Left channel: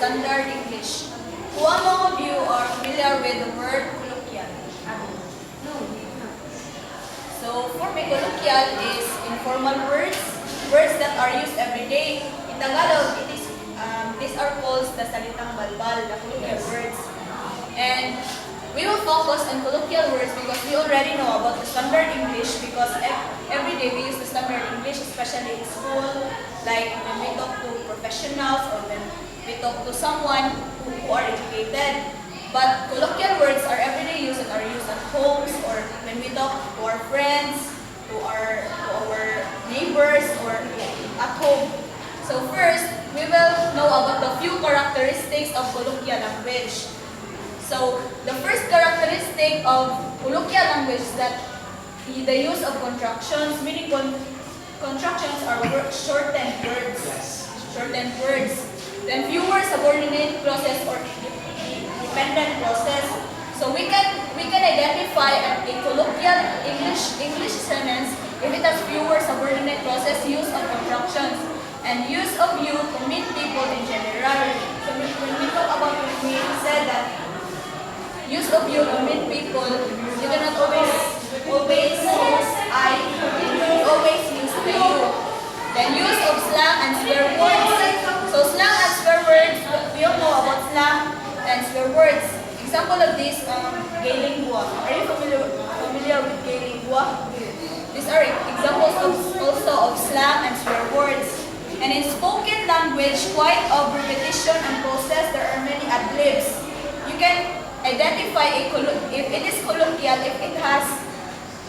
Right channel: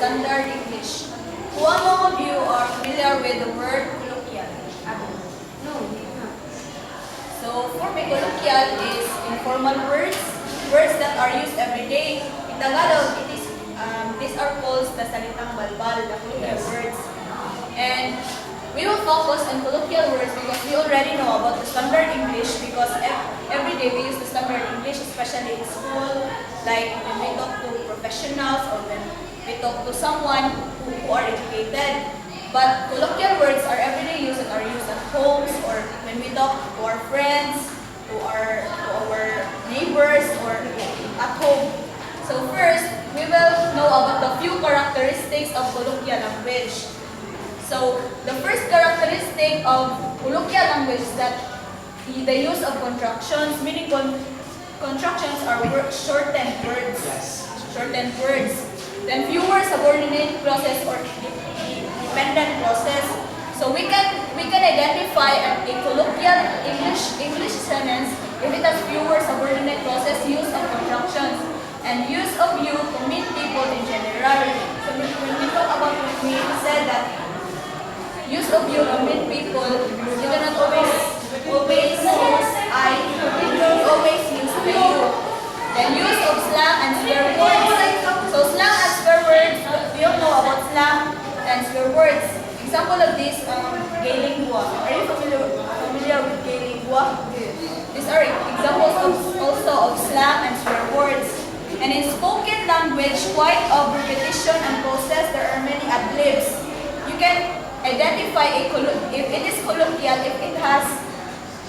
standard English. Who among of you are familiar with the word colloquial? No. So for me, colloquial is informal words, words that are used every day. In Tagalog, these are called the salitang balbal, the colloquial words. And we will focus on colloquial words because we already know about the standard English because every day we use the standard English, especially in school, like when we talk to professionals or when we talk to someone who are educated. But colloquial words are everyday use and are used at homes or when we talk to our friends, to our neighbors or at home. So first, we will know about the few characteristics of colloquial language. So the first characteristic of colloquial language is that the use of contractions, meaning contractions are shortened words. Shortened words. Then fewer subordinate clauses or dependent clauses. So we can identify a colloquial English sentence if it has fewer subordinate clauses, use of contractions, and use of you to mean people in general. So when we talk about when we said that use of you to mean people, you cannot always use I, you always use the you. Then use of slang and swear words. So slang and swear words, we all know about slang and swear words. Example of this, gay lingua. Are you familiar with gay lingua? These are examples also of slang and swear words. And in spoken language, quite of repetition and pauses, there are many ad-libs. You can identify if it is colloquial if it has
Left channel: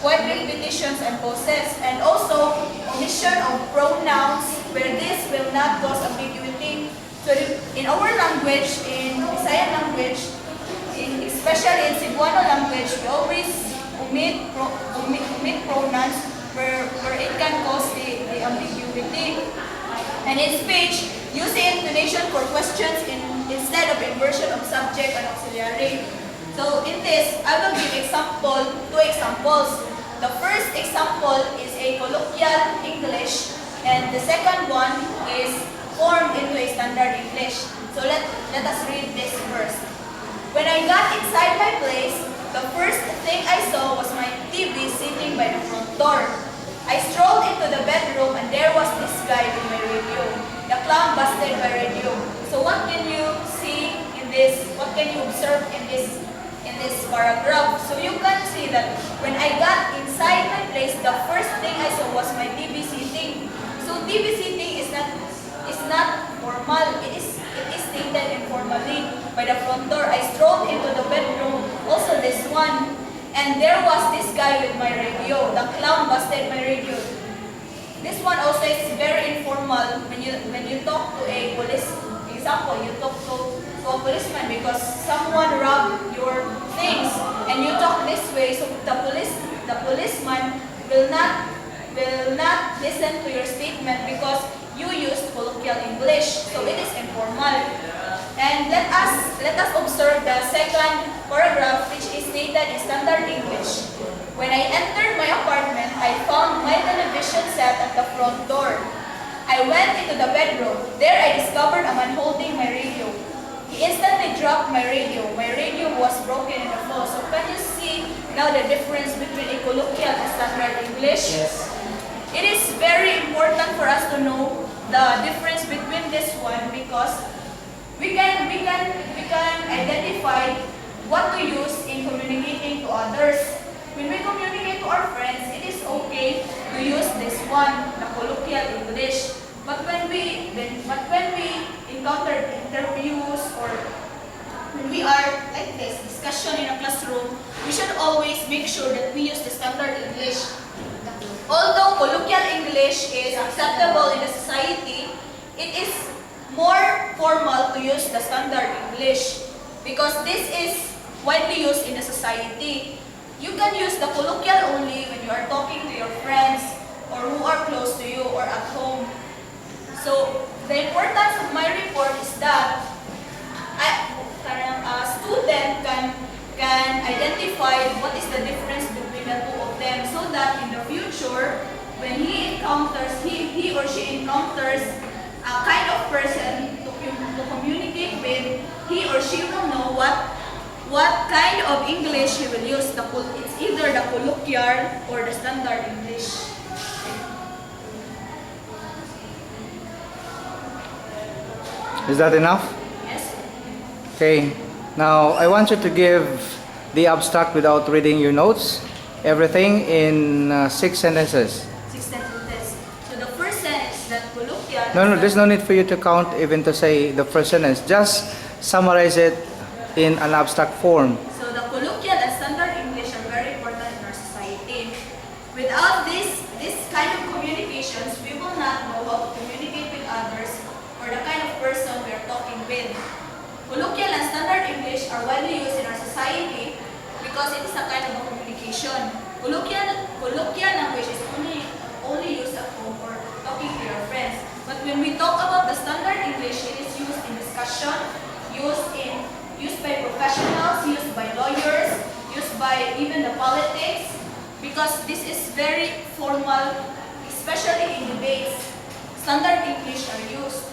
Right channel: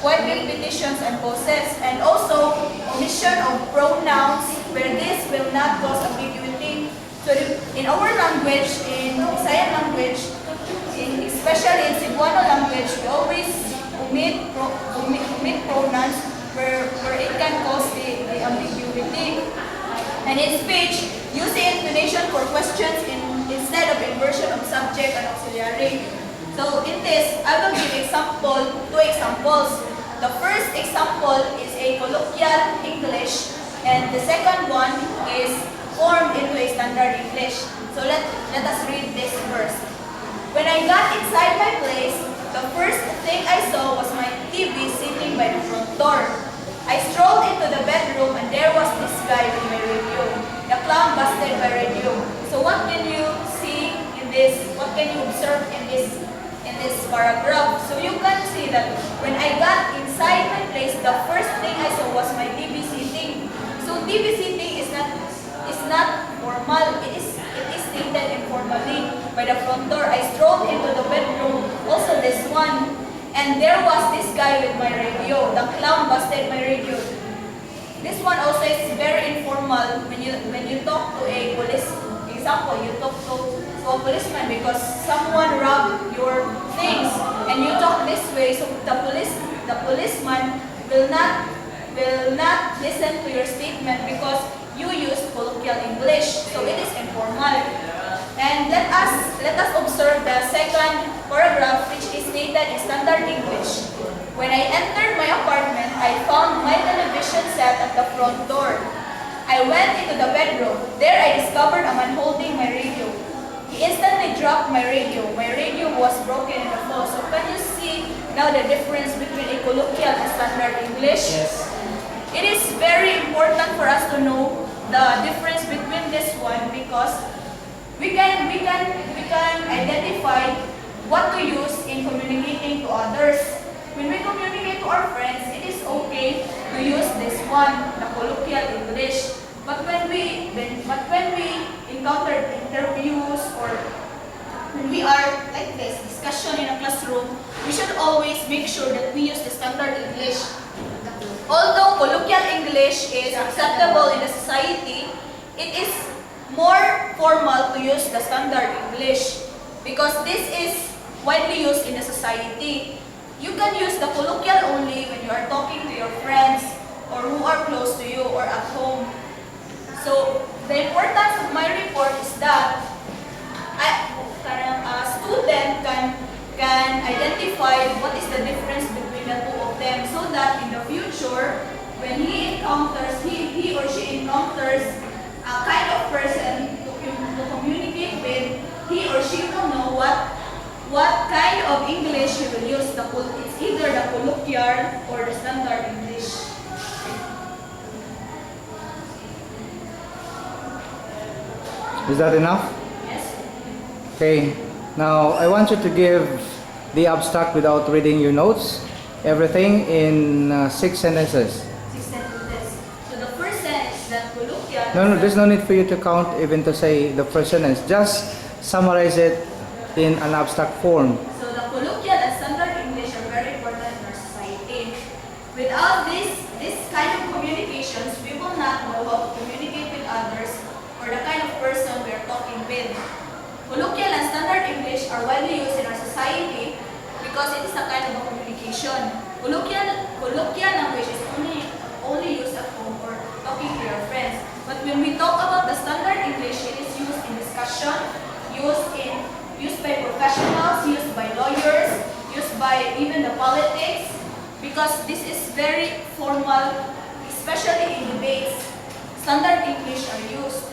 quite repetitions and pauses, and also omission of pronouns where this will not cause ambiguity. So in our language, in Visayan language, especially in Cebuano language, we always omit pronouns where it can cause the ambiguity. And in speech, use the intonation for questions instead of inversion of subject and auxiliary. So in this, I will give two examples. The first example is a colloquial English, and the second one is formed into a standard English. So let us read this first. When I got inside my place, the first thing I saw was my TV sitting by the front door. I strolled into the bedroom and there was this guy with my radio. The clown busted my radio. So what can you see in this? What can you observe in this paragraph? So you can see that when I got inside my place, the first thing I saw was my TV sitting. So TV sitting is not formal. It is stated informally by the front door. I strolled into the bedroom. Also this one. And there was this guy with my radio. The clown busted my radio. This one also is very informal when you talk to a police. Example, you talk to a policeman because someone robbed your things, and you talk this way. So the policeman will not listen to your statement because you used colloquial English. So it is informal. And let us observe the second paragraph, which is stated in standard English. When I entered my apartment, I found my television set at the front door. I went into the bedroom. There I discovered a man holding my radio. He instantly dropped my radio. My radio was broken in the fall. So can you see now the difference between a colloquial and standard English? Yes. It is very important for us to know the difference between this one because we can identify what to use in communicating to others. When we communicate to our friends, it is okay to use this one, the colloquial English. But when we encounter interviews or when we are like this, discussion in a classroom, we should always make sure that we use the standard English. Although colloquial English is acceptable in the society, it is more formal to use the standard English because this is widely used in the society. You can use the colloquial only when you are talking to your friends or who are close to you or at home. So the importance of my report is that a student can identify what is the difference between the two of them so that in the future, when he or she encounters a kind of person to to communicate with, he or she will know what kind of English he will use. It's either the colloquial or the standard English. Is that enough? Yes. Okay. Now, I want you to give the abstract without reading your notes. Everything in 6 sentences. 6 sentences. So the first sentence that colloquial. No, there's no need for you to count even to say the first sentence. Just summarize it in an abstract form. So the colloquial and standard English are very important in our society. Without this kind of communications, we will not know how to communicate with others or the kind of person we are talking with. Colloquial and standard English are widely used in our society because it is a kind of a communication. Colloquial language is only used at home or talking to your friends. But when we talk about the standard English, it is used in discussion, used by professionals, used by lawyers, used by even the politics, because this is very formal, especially in debates. Standard English are used,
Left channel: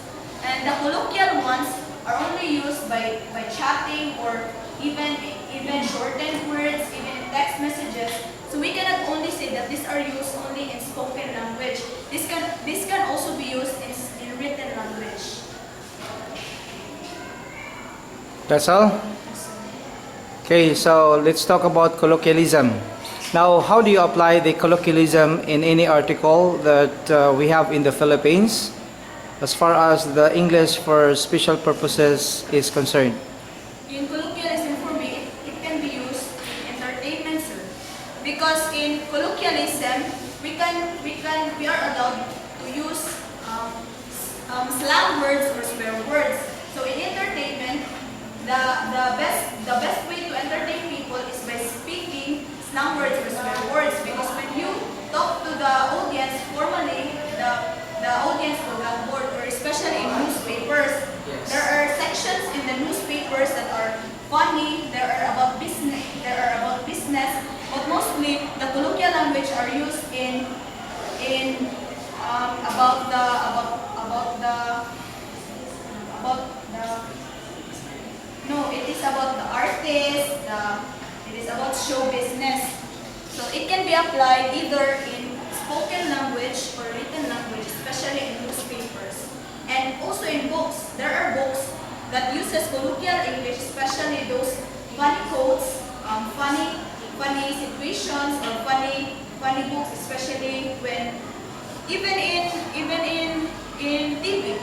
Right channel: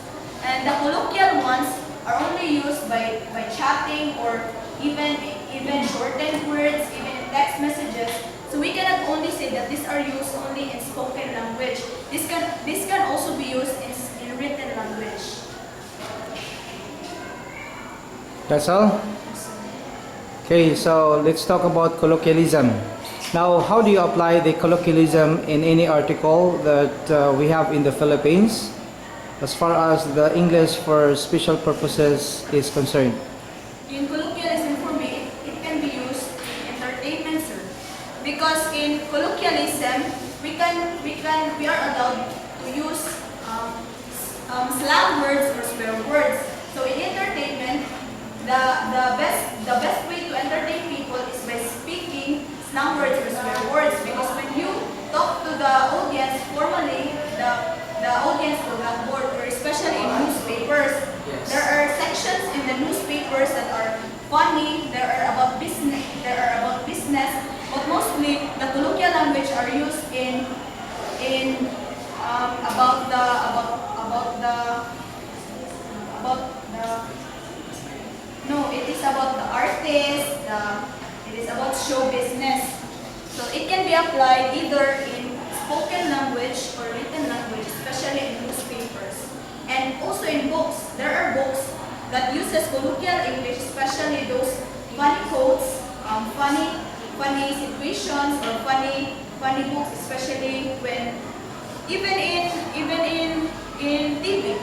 and the colloquial ones are only used by chatting or even shortened words, even in text messages. So we cannot only say that these are used only in spoken language. This can also be used in written language. That's all? Okay, so let's talk about colloquialism. Now, how do you apply the colloquialism in any article that we have in the Philippines as far as the English for special purposes is concerned? In colloquialism, for me, it can be used in entertainment, sir. Because in colloquialism, we are allowed to use slang words or swear words. So in entertainment, the best way to entertain people is by speaking slang words or swear words. Because when you talk to the audience formally, the audience will have bored, or especially in newspapers. Yes. There are sections in the newspapers that are funny, there are about business, but mostly the colloquial language are used in about the no, it is about the artist, it is about show business. So it can be applied either in spoken language or written language, especially in newspapers. And also in books. There are books that uses colloquial English, especially those funny quotes, funny situations, or funny books, especially when even in TV.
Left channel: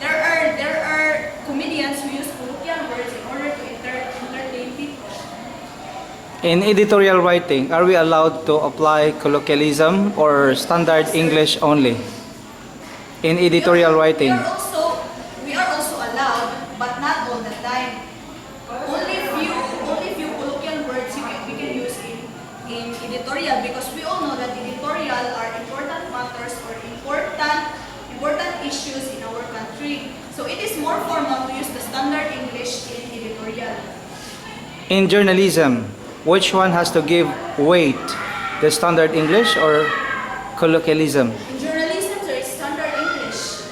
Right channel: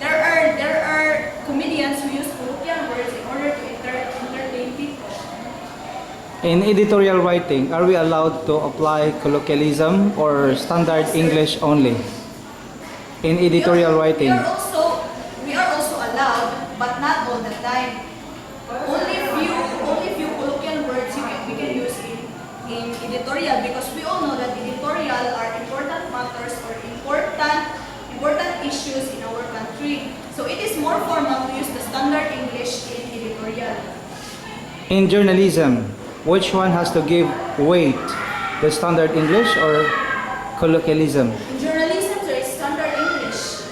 There are comedians who use colloquial words in order to entertain people. In editorial writing, are we allowed to apply colloquialism or standard English only? In editorial writing. We are also allowed, but not all the time. Only few colloquial words we can use in editorial, because we all know that editorial are important matters or important issues in our country. So it is more formal to use the standard English in editorial. In journalism, which one has to give weight, the standard English or colloquialism? In journalism, there is standard English.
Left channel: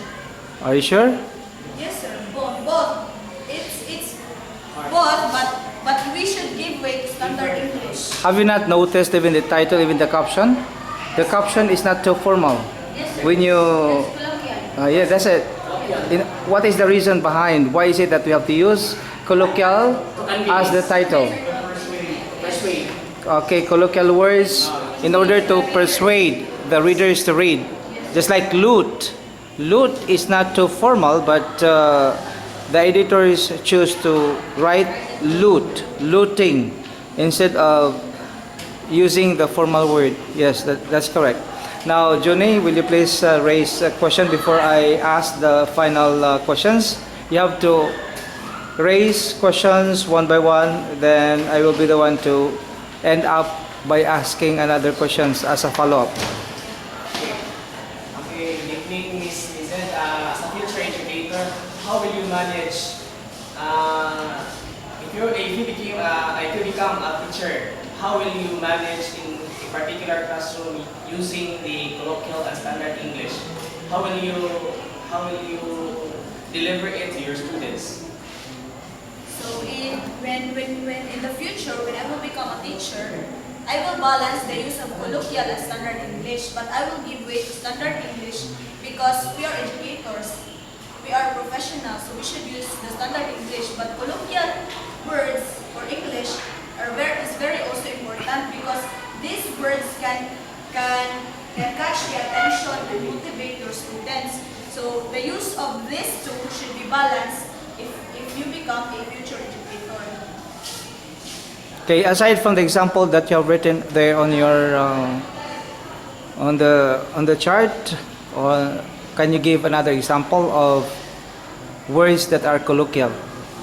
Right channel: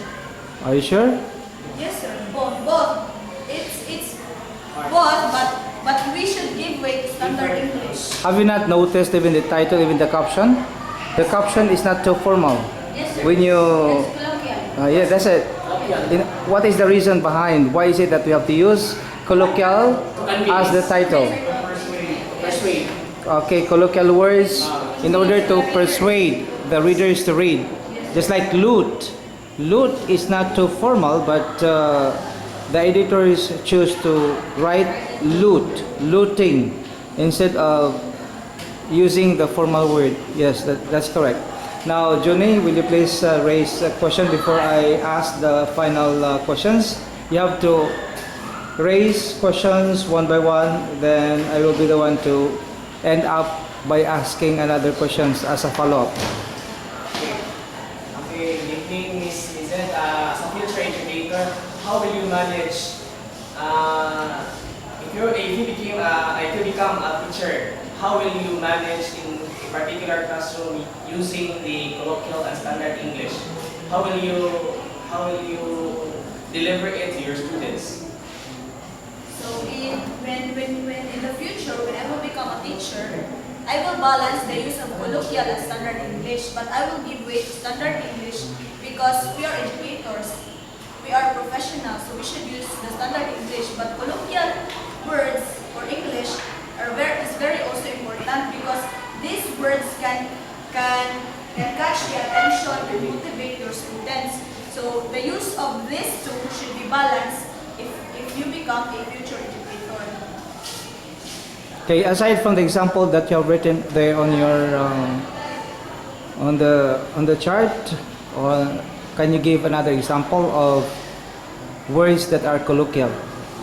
Are you sure? Yes, sir. Both. It's both, but we should give weight to standard English. Have you not noticed even the title, even the caption? The caption is not too formal. Yes, sir. When you... That's colloquial. yeah, that's it. What is the reason behind? Why is it that we have to use colloquial as the title? Okay, colloquial words in order to persuade the readers to read. Just like loot. Loot is not too formal, but the editors choose to write looting, instead of using the formal word. Yes, that's correct. Now, Johnny, will you please raise a question before I ask the final questions? You have to raise questions one by one, then I will be the one to end up by asking another questions as a follow-up. Okay, good evening, Miss Lizette. As a future educator, how will you manage if you become a teacher? How will you manage in a particular classroom using the colloquial and standard English? How will you deliver it to your students? So when in the future, when I will become a teacher, I will balance the use of colloquial and standard English, but I will give way to standard English because we are educators, we are professionals, so we should use the standard English. But colloquial words or English is very also important because these words can catch the attention and motivate your students. So the use of these two should be balanced if you become a future educator. Okay, aside from the example that you have written there on your on the chart, or can you give another example of words that are colloquial?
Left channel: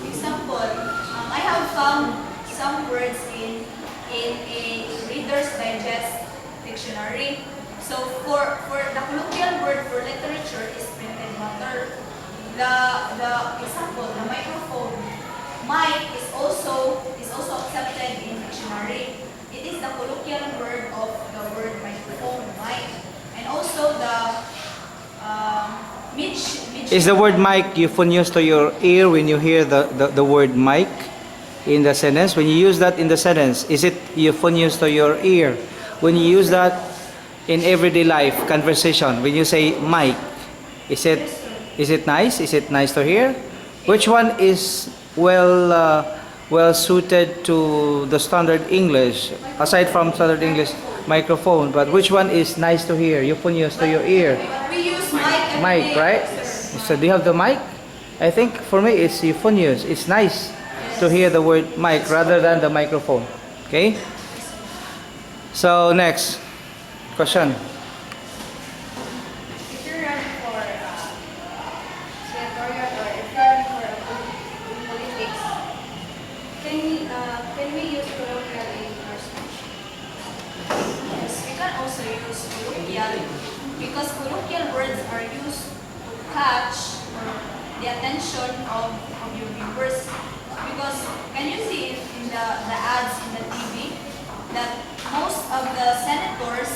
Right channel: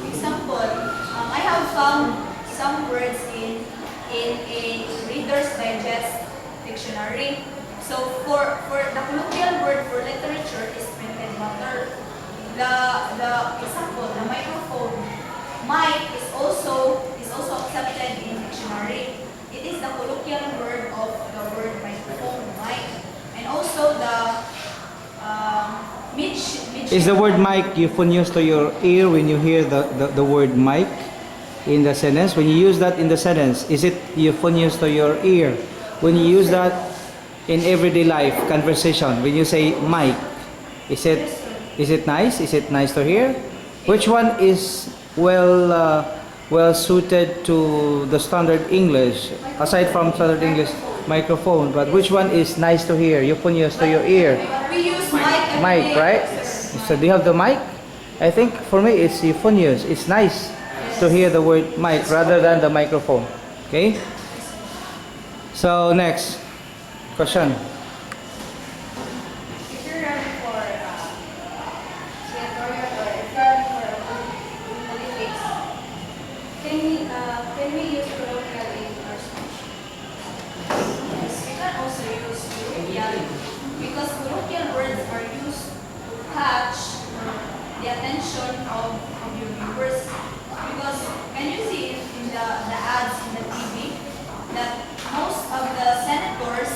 Example, I have found some words in a Reader's Digest dictionary. So for the colloquial word for literature is printed matter. The example, the microphone, mic is also accepted in dictionary. It is the colloquial word of the word microphone, mic, and also the Is the word mic euphonious to your ear when you hear the word mic in the sentence? When you use that in the sentence, is it euphonious to your ear? When you use that in everyday life conversation, when you say mic, is it nice? Is it nice to hear? Which one is well suited to the standard English, aside from standard English microphone? But which one is nice to hear, euphonious to your ear? We use mic every Mic, day. right? So do you have the mic? I think for me it's euphonious. It's nice to hear the word mic rather than the microphone. Okay? So next question. If you're running for senatorial or if you're running for politics, can we use colloquial in our speech? Yes, we can also use colloquial because colloquial words are used to catch the attention of your viewers. Because can you see in the ads in the TV that most of the senators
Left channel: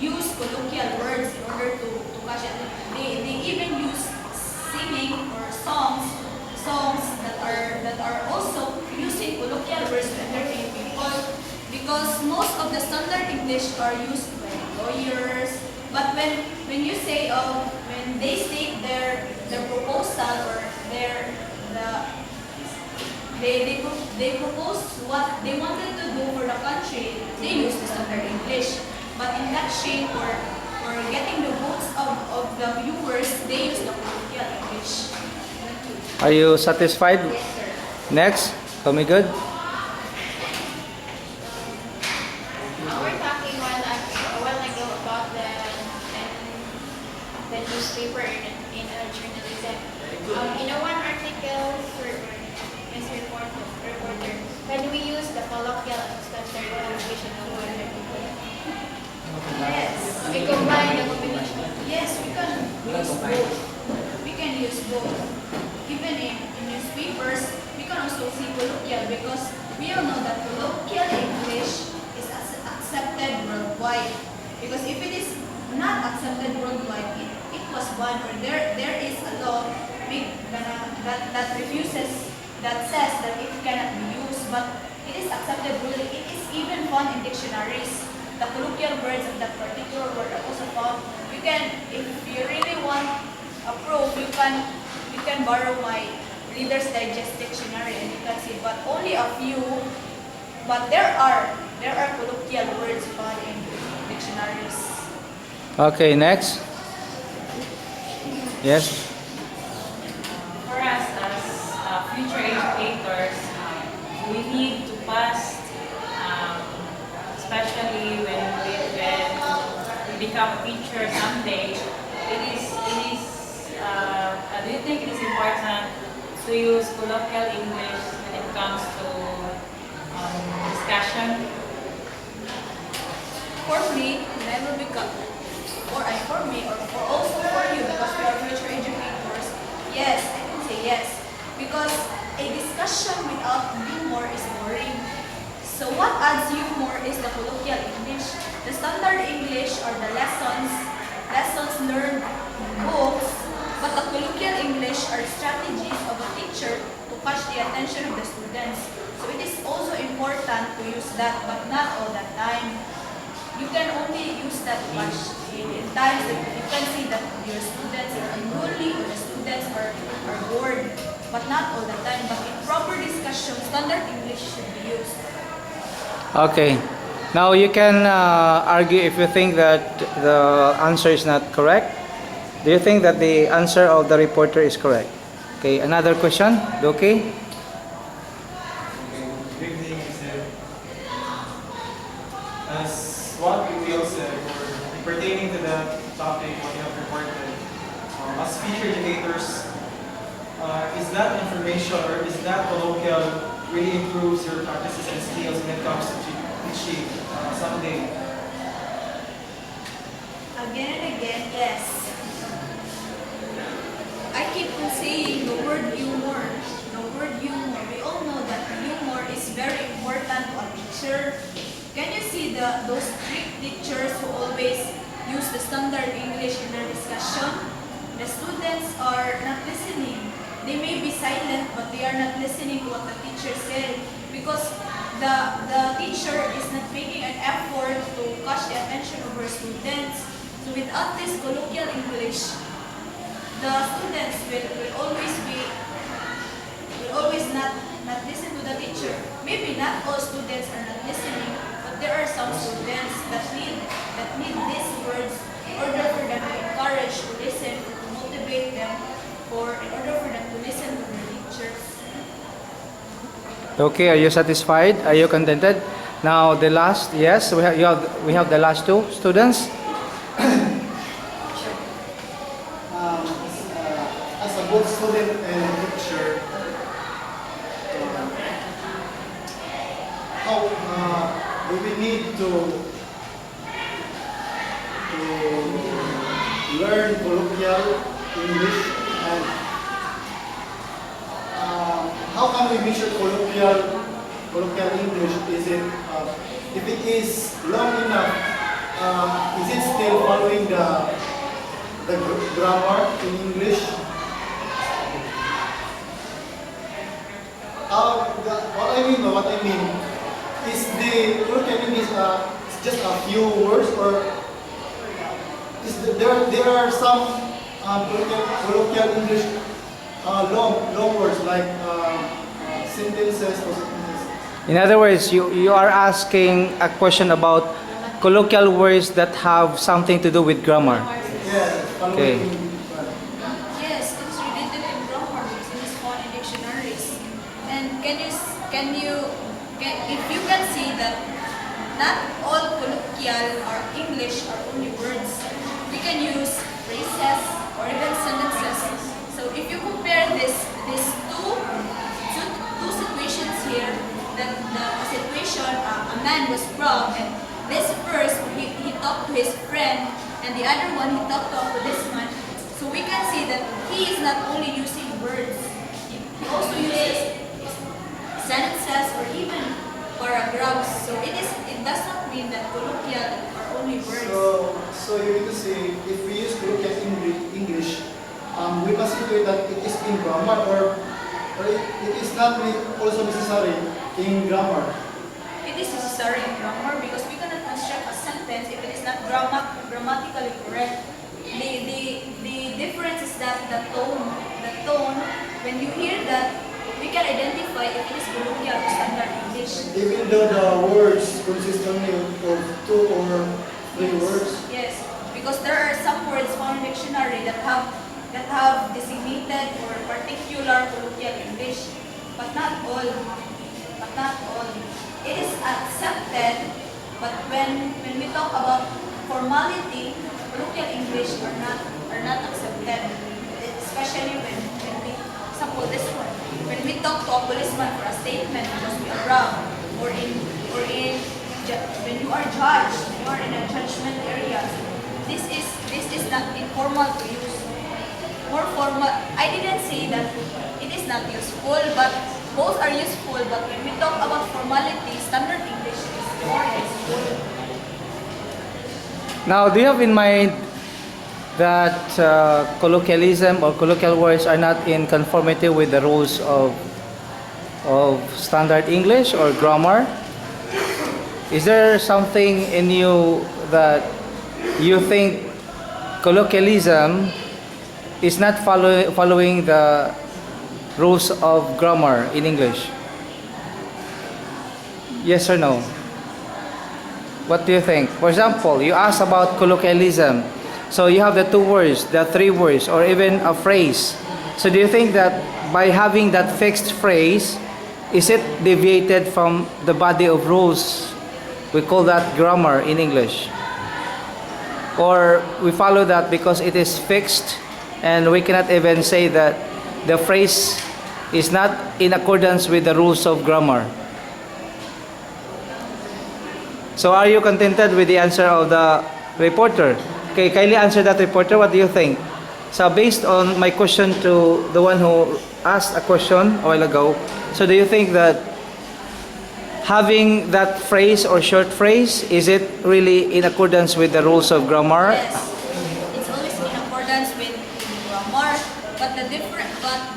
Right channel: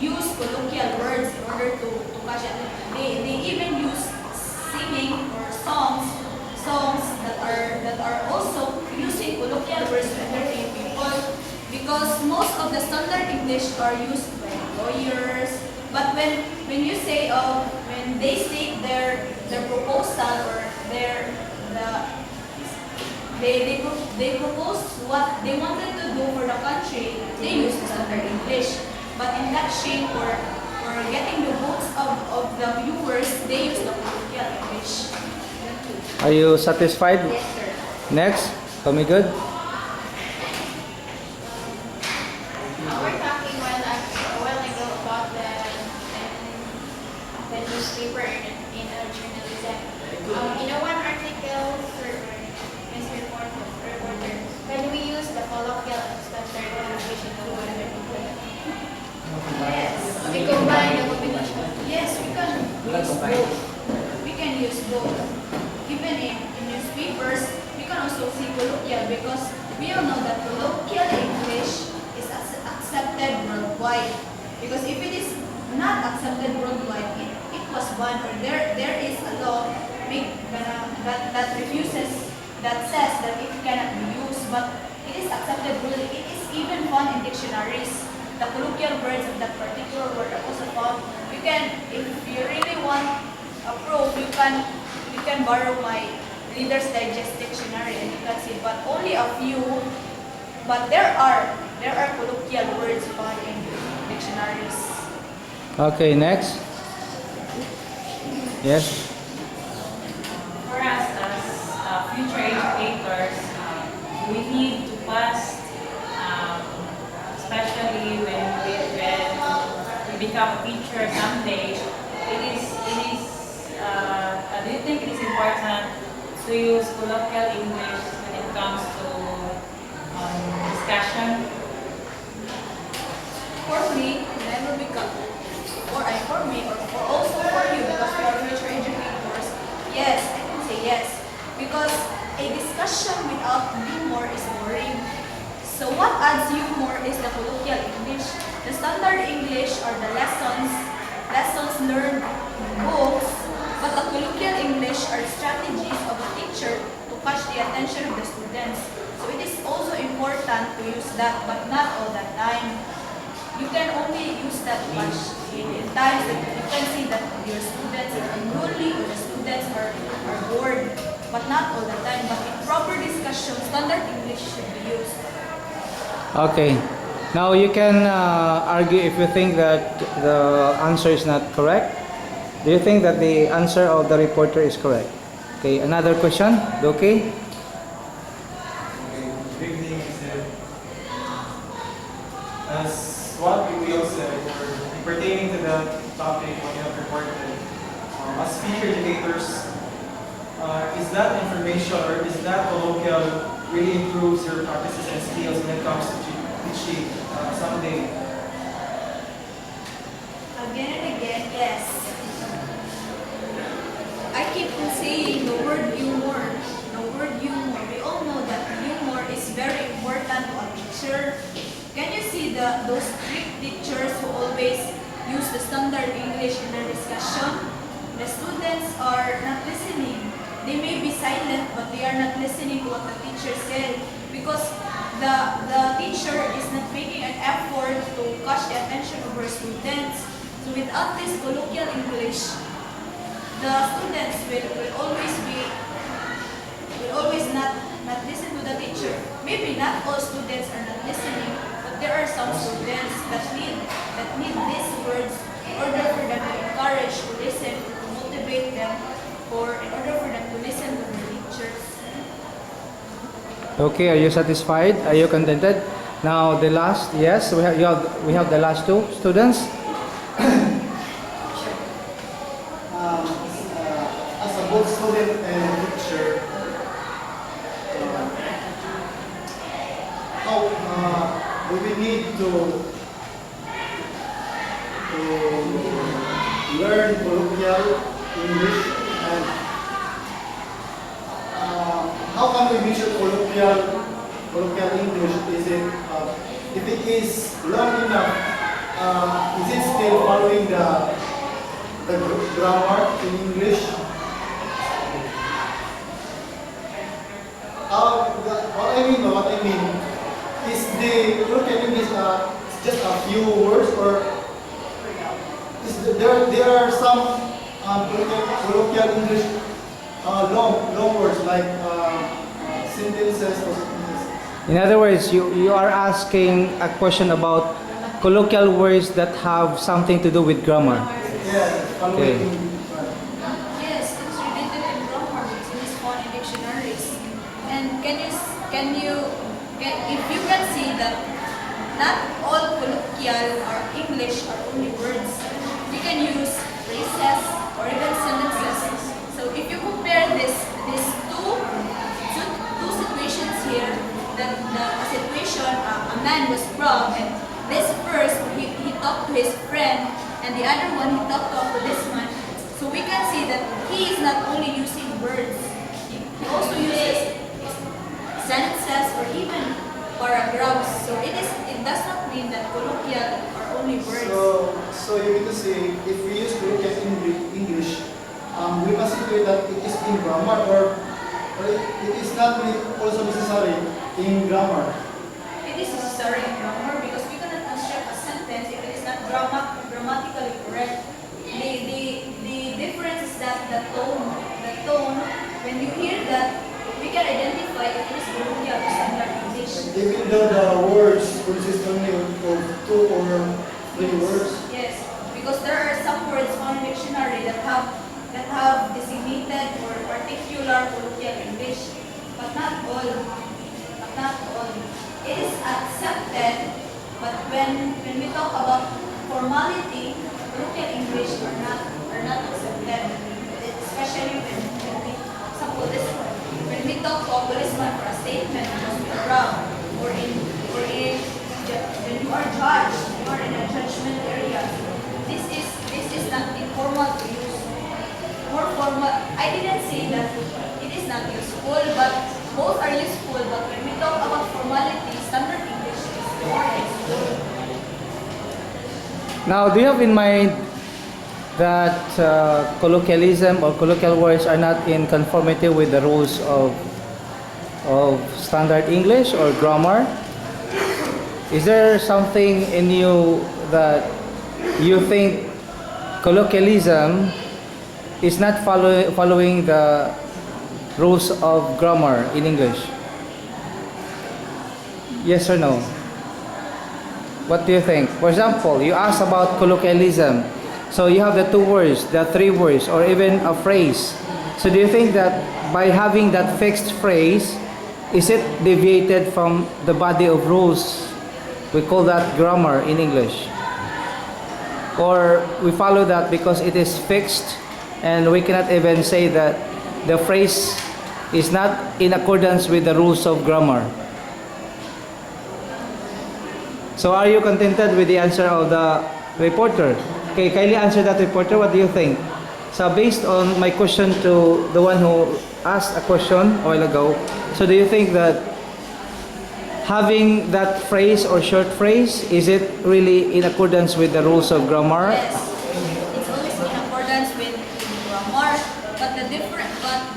use colloquial words in order to catch it. They even use singing or songs that are also using colloquial words to entertain people because most of the standard English are used by lawyers. But when you say when they state their proposal or they propose what they wanted to do for the country, they use the standard English. But in that shape or getting the votes of the viewers, they use the colloquial English. Are you satisfied? Yes, sir. Next, tell me good. We're talking a while ago about the newspaper in journalism. One article for Miss Reporter, can we use the colloquial and standard communication of other people? Yes. We combine the combination. Yes, we can use both. We can use both. Even in newspapers, we can also see colloquial because we all know that colloquial English is accepted worldwide. Because if it is not accepted worldwide, it was banned or there is a law that refuses, that says that it cannot be used, but it is accepted really. It is even found in dictionaries. The colloquial words of that particular word are also found. You can, if you really want a proof, you can borrow my Reader's Digest dictionary and you can see, but only a few. But there are colloquial words found in dictionaries. Okay, next. Yes. For us as future educators, we need to pass, especially when we become a teacher someday. Do you think it is important to use colloquial English when it comes to discussion? For me, when I will become, for me, or also for you, because we are future educators, yes, I can say yes. Because a discussion without humor is boring. So what adds humor is the colloquial English. The standard English are the lessons learned in books, but the colloquial English that, but not all the time. You can only use that much in times that you can see that your students are unruly or the students are bored, but not all the time. But in proper discussion, standard English should be used. Okay. Now you can argue if you think that the answer is not correct. Do you think that the answer of the reporter is correct? Okay, another question. Okay. Big thing is that as what we all said, or pertaining to the topic what you have reported, as future educators, is that information or is that colloquial really improves your practices and skills when it comes to teaching someday? Again and again, yes. I keep on saying the word humor. The word humor. We all know that humor is very important to a teacher. Can you see those strict teachers who always use the standard English in their discussion? The students are not listening. They may be silent, but they are not listening to what the teacher said because the teacher is not making an effort to catch the attention of her students. So without this colloquial English, the students will always not listen to the teacher. Maybe not all students are not listening, but there are some students that need these words in order for them to encourage to listen, to motivate them, or in order for them to listen to their teachers. Okay, are you satisfied? Are you contented? Now the last, yes, we have the last two students. As a both student and teacher, how do we need to learn colloquial English, and how can we measure colloquial English? Is it if it is long enough? Is it still following the grammar in English? What I mean is the colloquial English just a few words, or there are some colloquial English long words like sentences or sentences. In other words, you are asking a question about colloquial words that have something to do with grammar. Yeah, Okay. Yes, it's related to grammar because it is found in dictionaries. And if you can see that not all colloquial or English are only words. We can use phrases or even sentences. So if you compare these two situations here, that the situation a man was wrong, and this first he talked to his friend, and the other one he talked to a policeman. So we can see that he is not only using words, he also uses sentences or even paragraphs. So it does not mean that colloquial are only words. So you mean to say if we use colloquial English, we consider that it is in grammar, or it is not really also necessary in grammar. It is necessary in grammar because we cannot construct a sentence if it is not grammatically correct. The difference is that the tone, when you hear that, we can identify if it is colloquial or standard English. Even though the words consist only of 2 or 3 words. Yes, because there are some words found in dictionary that have designated or particular colloquial English, but not all. It is accepted, but when we talk about formality, colloquial English are not accepted, especially when we, example this one, when we talk to a policeman for a statement because we are wrong, or when you are judged, you are in a judgment area. This is not informal to use. More formal. I didn't say that it is not useful, but both are useful. But when we talk about formality, standard English is more useful. Now, do you have in mind that colloquialism or colloquial words are not in conformity with the rules of standard English or grammar? Is there something in you that you think colloquialism is not following the rules of grammar in English? Yes or no? What do you think? For example, you ask about colloquialism. So you have the two words, the three words, or even a phrase. So do you think that by having that fixed phrase, is it deviated from the body of rules? We call that grammar in English. Or we follow that because it is fixed and we cannot even say that the phrase is not in accordance with the rules of grammar. So are you contented with the answer of the reporter? Okay, kindly answer that, reporter. What do you think? So based on my question to the one who asked a question a while ago, so do you think that having that phrase or short phrase, is it really in accordance with the rules of grammar? Yes, it's always in accordance with grammar.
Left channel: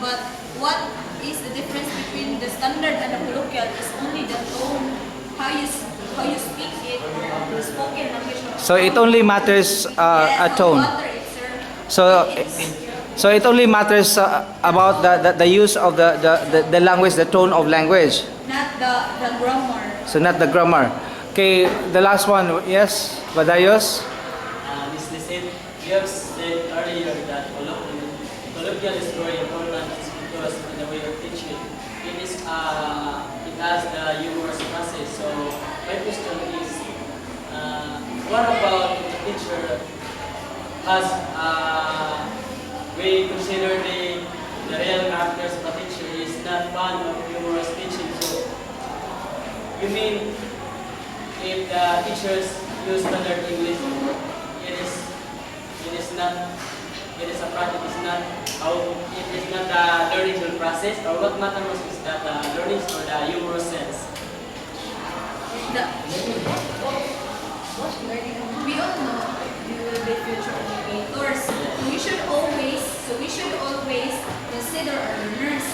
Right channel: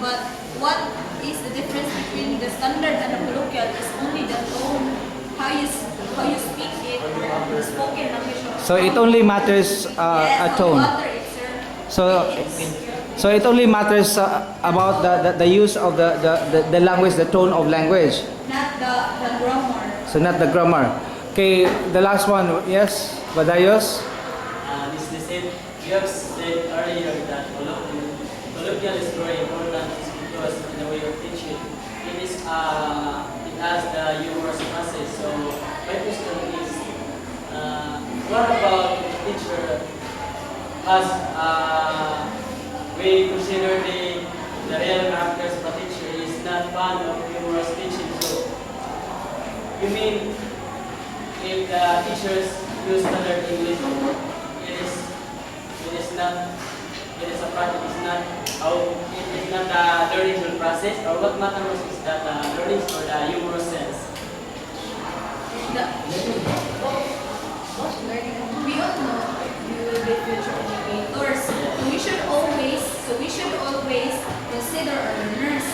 But what is the difference between the standard and the colloquial is only the tone, how you speak it, or the spoken language. So it only matters Yes, a tone. no matter it's So, so it only matters about the use of the language, the tone of language. not the grammar. So not the grammar. Okay, the last one. Yes, Badayos. Ms. Lisette, you have said earlier that colloquial is very important because in the way of teaching, it has the humorous process. So my question is, what about the teacher has we consider the real characters of a teacher is not fond of humorous teaching. So you mean if the teachers use standard English, it is not it is a practice, it is not how it is not a learning process, or what matters is that the learning or the humorous sense. We all know we will be future educators. So we should always consider our learners.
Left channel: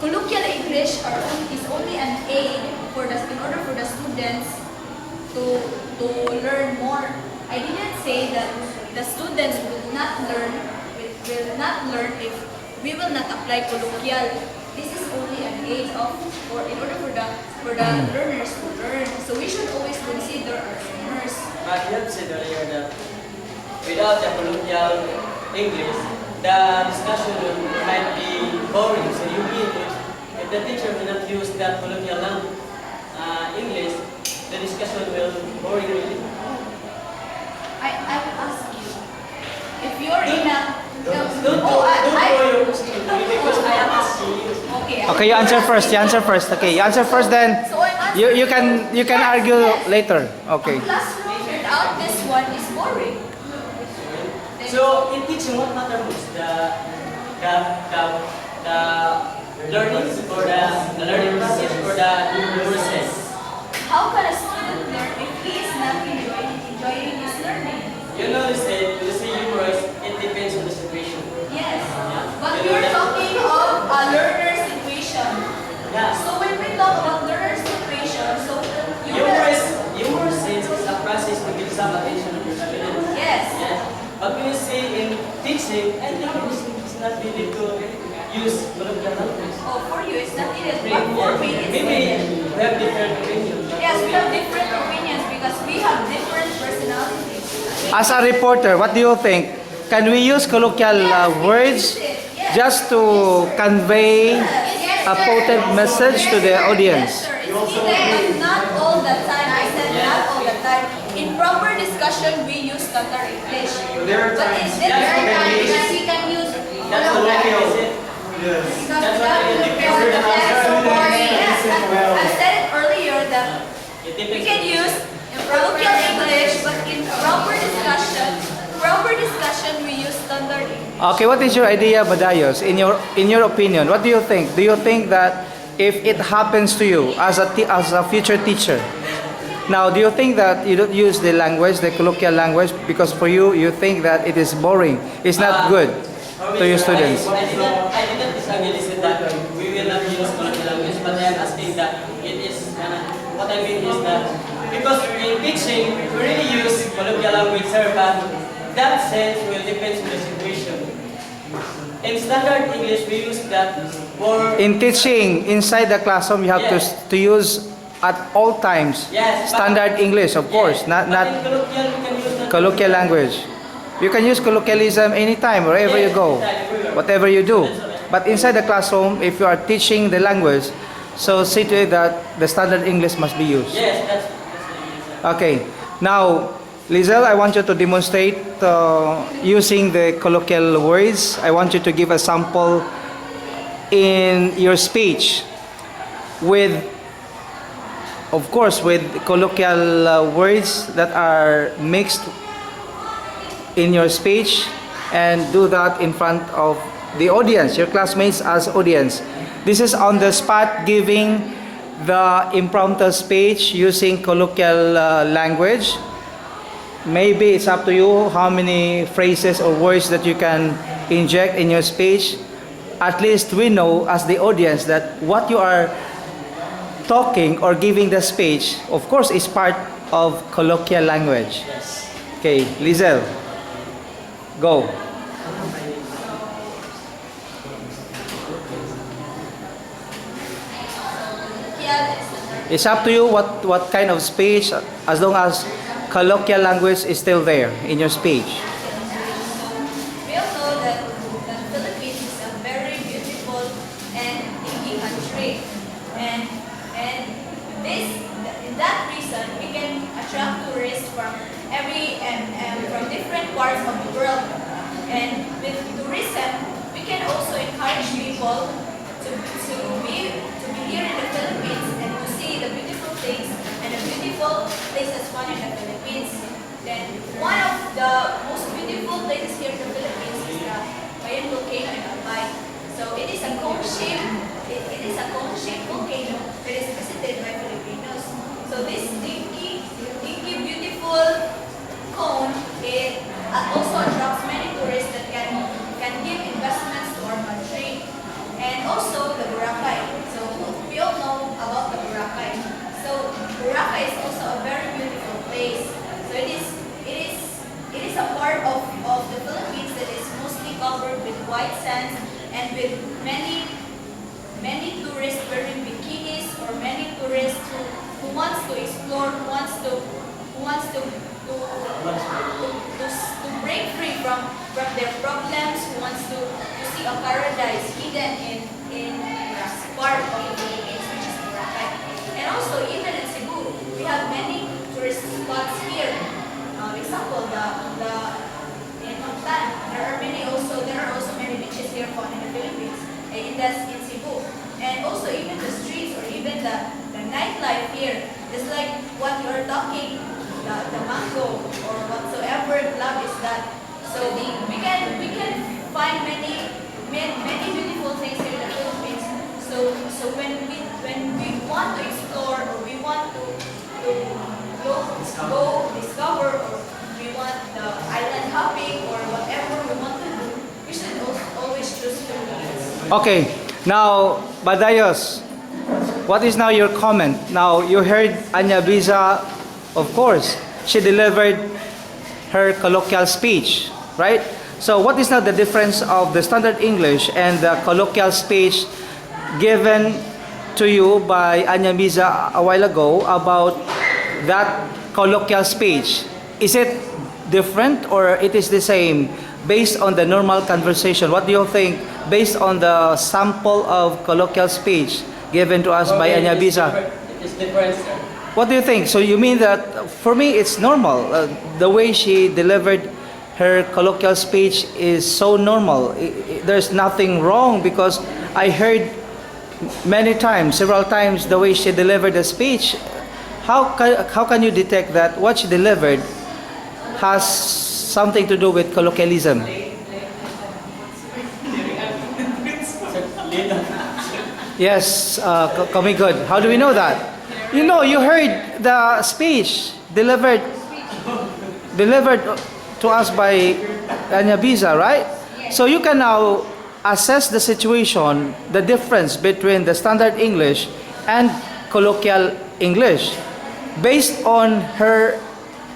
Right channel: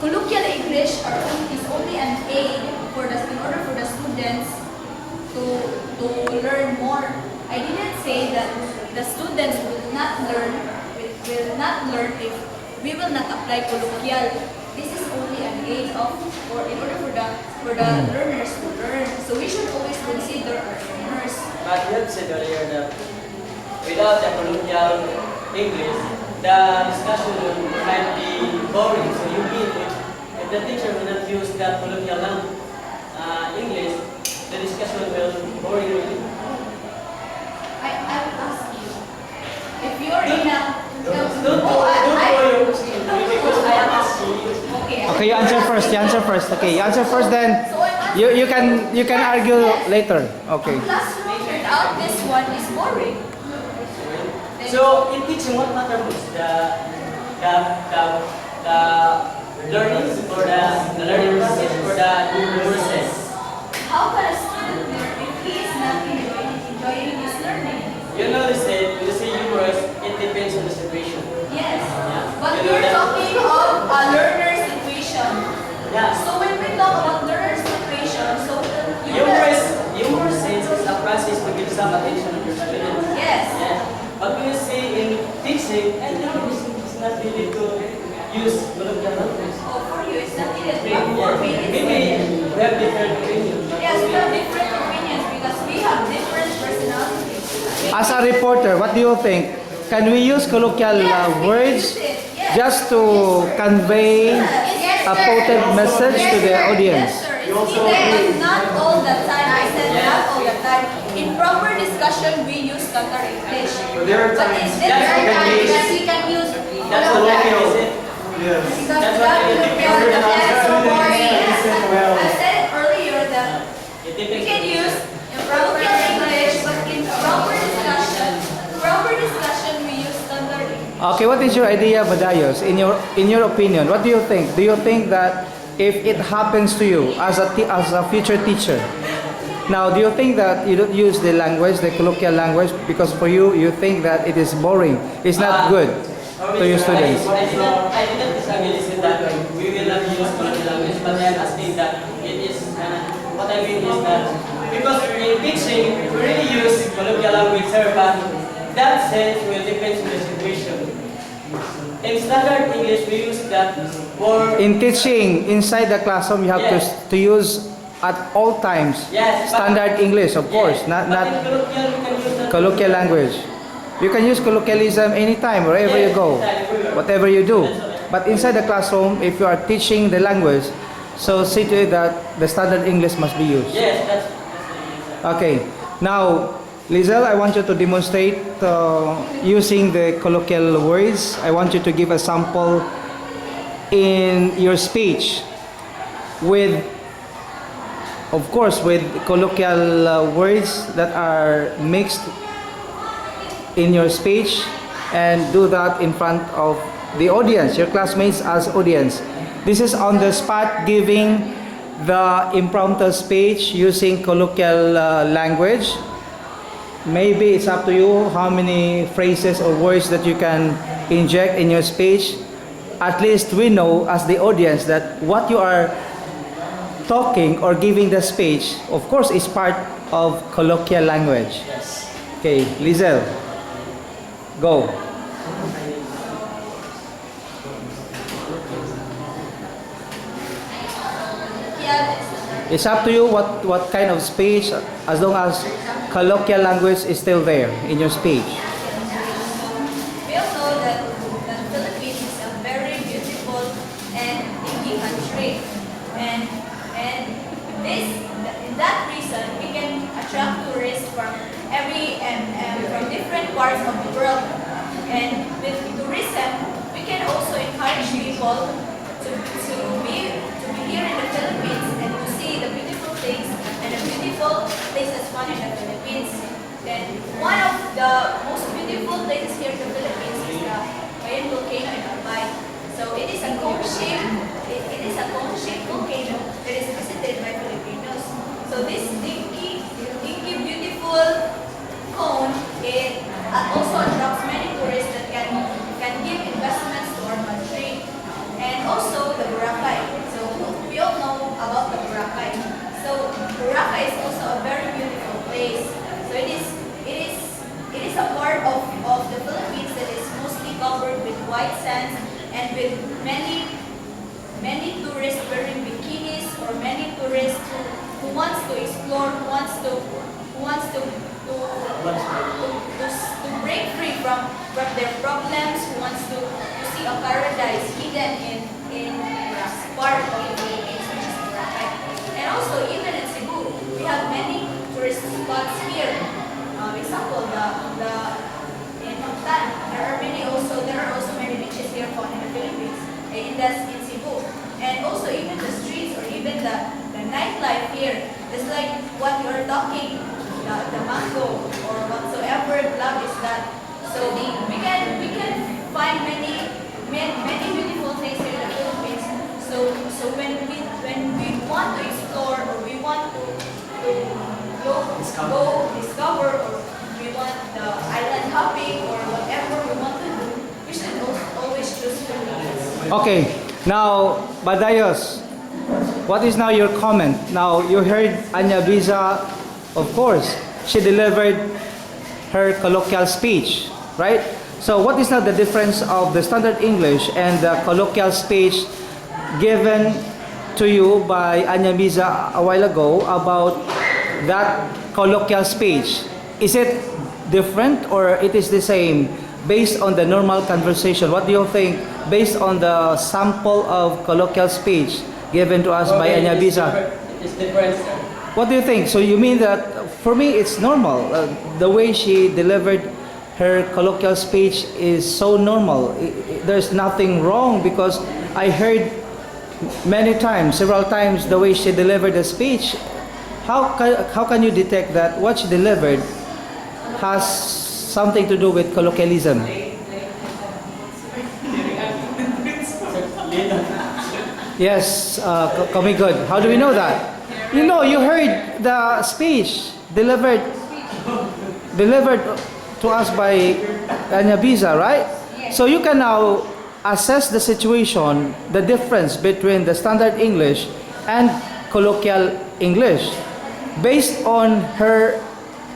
Colloquial English is only an aid in order for the students to learn more. I didn't say that the students will not learn if we will not apply colloquial. This is only an aid in order for the learners to learn. So we should always consider our learners. But you have said earlier that without the colloquial English, the discussion might be boring. So you mean if the teacher will not use that colloquial English, the discussion will be boring really. I will ask you if you're in a Don't go your question because I am asking you. okay. Okay, you answer first. You answer first. Okay, you answer first. Then So I'm answering. you can argue later. Okay. A classroom without this one is boring. So in teaching, what matters most? The learning or the learning process or the process? How can a student learn if he is not enjoying his learning? You notice that when you say humorous, it depends on the situation. Yes. Yeah. But You know we're that- talking of a learner situation. Yeah. So when we talk about learner situation, so you Humorous sense is a process to give some attention to your students. yes. Yes. But when you say in teaching, I think it's not really to use colloquial language. Oh, for you it's not needed, but for me it's Maybe needed. we have different opinions. but Yes, we have different opinions because we have different personalities. As a reporter, what do you think? Can we use colloquial words just to convey a potent message to the audience? Yes, sir. It's needed, but not all the time. I said not all the time. In proper discussion, we use standard English. But there are But times- in That's there are okay. times we can use That's what colloquial. is it. Yes. Because That's that what it will depends on that is so boring. Yes, Well. I said it earlier that It we depends. can use colloquial English, but in proper discussion, we use standard English. Okay, what is your idea, Badayos? In your opinion, what do you think? Do you think that if it happens to you as a future teacher, now do you think that you don't use the language, the colloquial language, because for you think that it is boring, it's not good to your students? I didn't disagree with that we will not use colloquial language, but I am asking that it is what I I mean is that because in teaching, we really use colloquial language, sir, but that sense will depend on the situation. In standard English, we use that for... In teaching inside the classroom, you have Yes. to use at all times Yes, but- standard English, of course, Yes, not but in colloquial, we can use that. colloquial language. You can use colloquialism anytime, wherever you Yes, go, anytime, everywhere. whatever you do. That's right. But inside the classroom, if you are teaching the language, so see to it that the standard English must be used. Yes, that's the reason. Okay. Now, Lizelle, I want you to demonstrate using the colloquial words. I want you to give a sample in your speech with, of course, with colloquial words that are mixed in your speech, and do that in front of the audience, your classmates as audience. This is on the spot giving the impromptu speech using colloquial language. Maybe it's up to you how many phrases or words that you can inject in your speech. At least we know as the audience that what you are talking or giving the speech, of course, is part of colloquial language. Yes. Okay, Lizelle, go. It's up to you what kind of speech, as long as colloquial language is still there in your speech. We all know that the Philippines is a very beautiful and thinking country, and this in that reason we can attract tourists from from different parts of the world, and with tourism we can also encourage people to be here in the Philippines and to see the beautiful things and the beautiful places found in the Philippines. Then one of the most beautiful places here in the Philippines is the Mayan volcano in Albay. So it is a cone-shaped volcano that is visited by Filipinos. So this dinky beautiful cone, it also attracts many tourists that can give investments to our country. And also the Boracay. So we all know about the Boracay. So Boracay is also a very beautiful place. So it is a part of the Philippines that is mostly covered with white sands and with many tourists wearing bikinis, or many tourists who wants to explore, who wants to break free from their problems, who wants to see a paradise hidden in part of the Philippines, which is Boracay. And also, even in Cebu, we have many tourist spots here. Example, in Mactan, there are also many beaches here found in the Philippines, in Cebu. And also, even the streets or even the nightlife here is like what you are talking, the mango or whatsoever club is that. So we can find many beautiful things here in the Philippines. So when we want to explore, or we want to go discover, or we want the island hopping or whatever we want to do, we should always choose Philippines. Okay, now, Badayos, what is now your comment? Now, you heard Anya Biza, of course, she delivered her colloquial speech, right? So what is now the difference of the standard English and the colloquial speech given to you by Anya Biza a while ago about that colloquial speech? Is it different or it is the same based on the normal conversation? What do you think based on the sample of colloquial speech given to us by Anya Biza? It is different, sir. What do you think? So you mean that for me it's normal. The way she delivered her colloquial speech is so normal. There's nothing wrong because I heard many times, several times, the way she delivered the speech. How can you detect that what she delivered has something to do with colloquialism? Yes, Kami good. How do we know that? You know, you heard the speech delivered to us by Anya Biza, right? So you can now assess the situation, the difference between the standard English and colloquial English based on her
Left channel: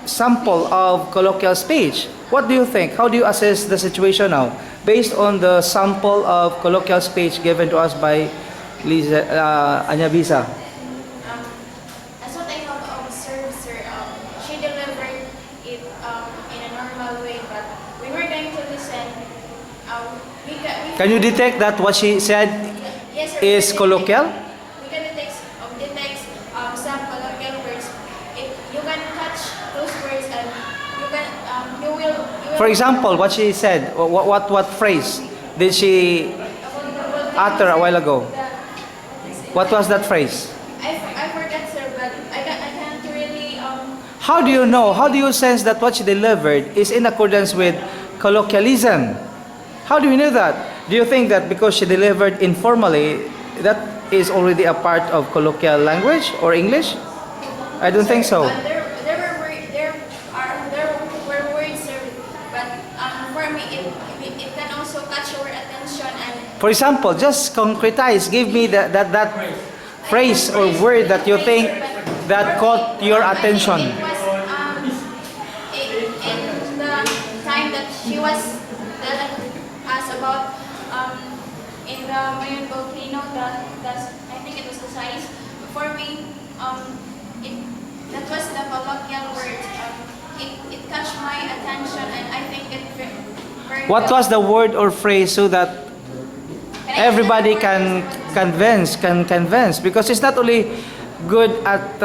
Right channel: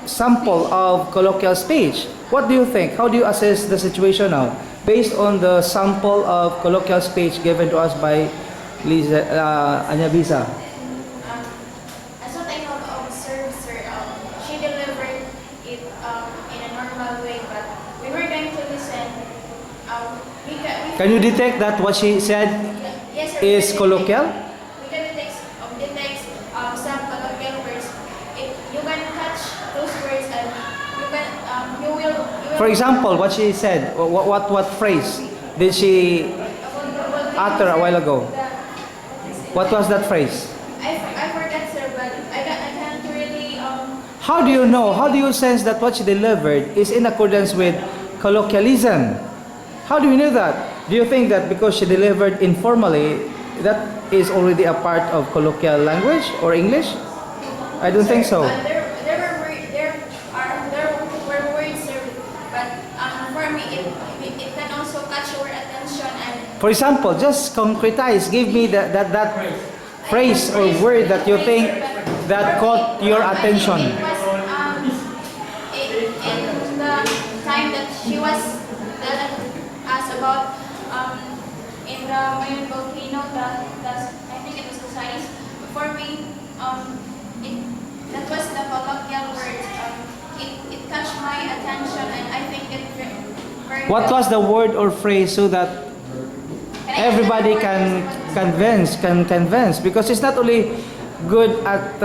sample of colloquial speech. What do you think? How do you assess the situation now based on the sample of colloquial speech given to us by Liza, Anya Bisa? As what I have observed, sir, she delivered it in a normal way, but we were going to listen. Can you detect that what she said Yes, sir, is colloquial? We can detect some colloquial words. If you can catch those words and you can you will. For example, what she said, what phrase did she utter a while ago? What was that phrase? I forgot, sir, but I can't really How do you know? How do you sense that what she delivered is in accordance with colloquialism? How do you know that? Do you think that because she delivered informally, that is already a part of colloquial language or English? I don't think so. There were words, sir, but for me it can also catch your attention and. For example, just concretize. Give me that phrase or word that you think that caught your attention. It was in the time that she was telling us about in the Mayon volcano, I think it was the size. For me, that was the colloquial word. It catch my attention, and I think it very. What was the word or phrase so that everybody can convince? Because it's not only good at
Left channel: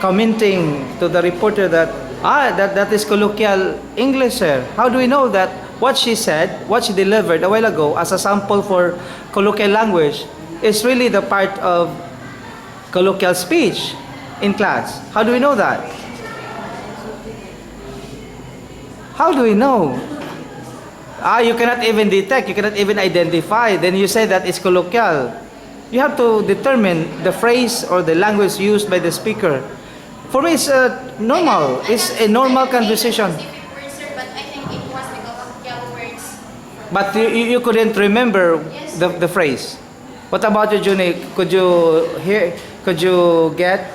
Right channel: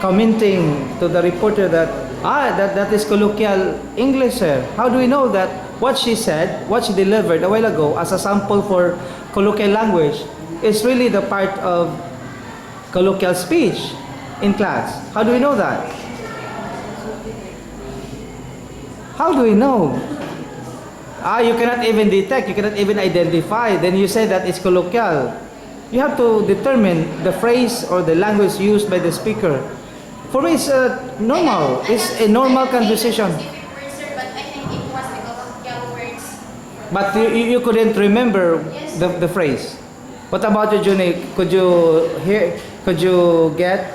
commenting to the reporter that that is colloquial English, sir. How do we know that what she said, what she delivered a while ago as a sample for colloquial language is really the part of colloquial speech in class? How do we know that? How do we know? You cannot even detect, you cannot even identify. Then you say that it's colloquial. You have to determine the phrase or the language used by the speaker. For me, it's normal. It's a normal conversation. But I think it was the colloquial words. But you couldn't remember the phrase. What about you, Juni? Could you hear? Could you get?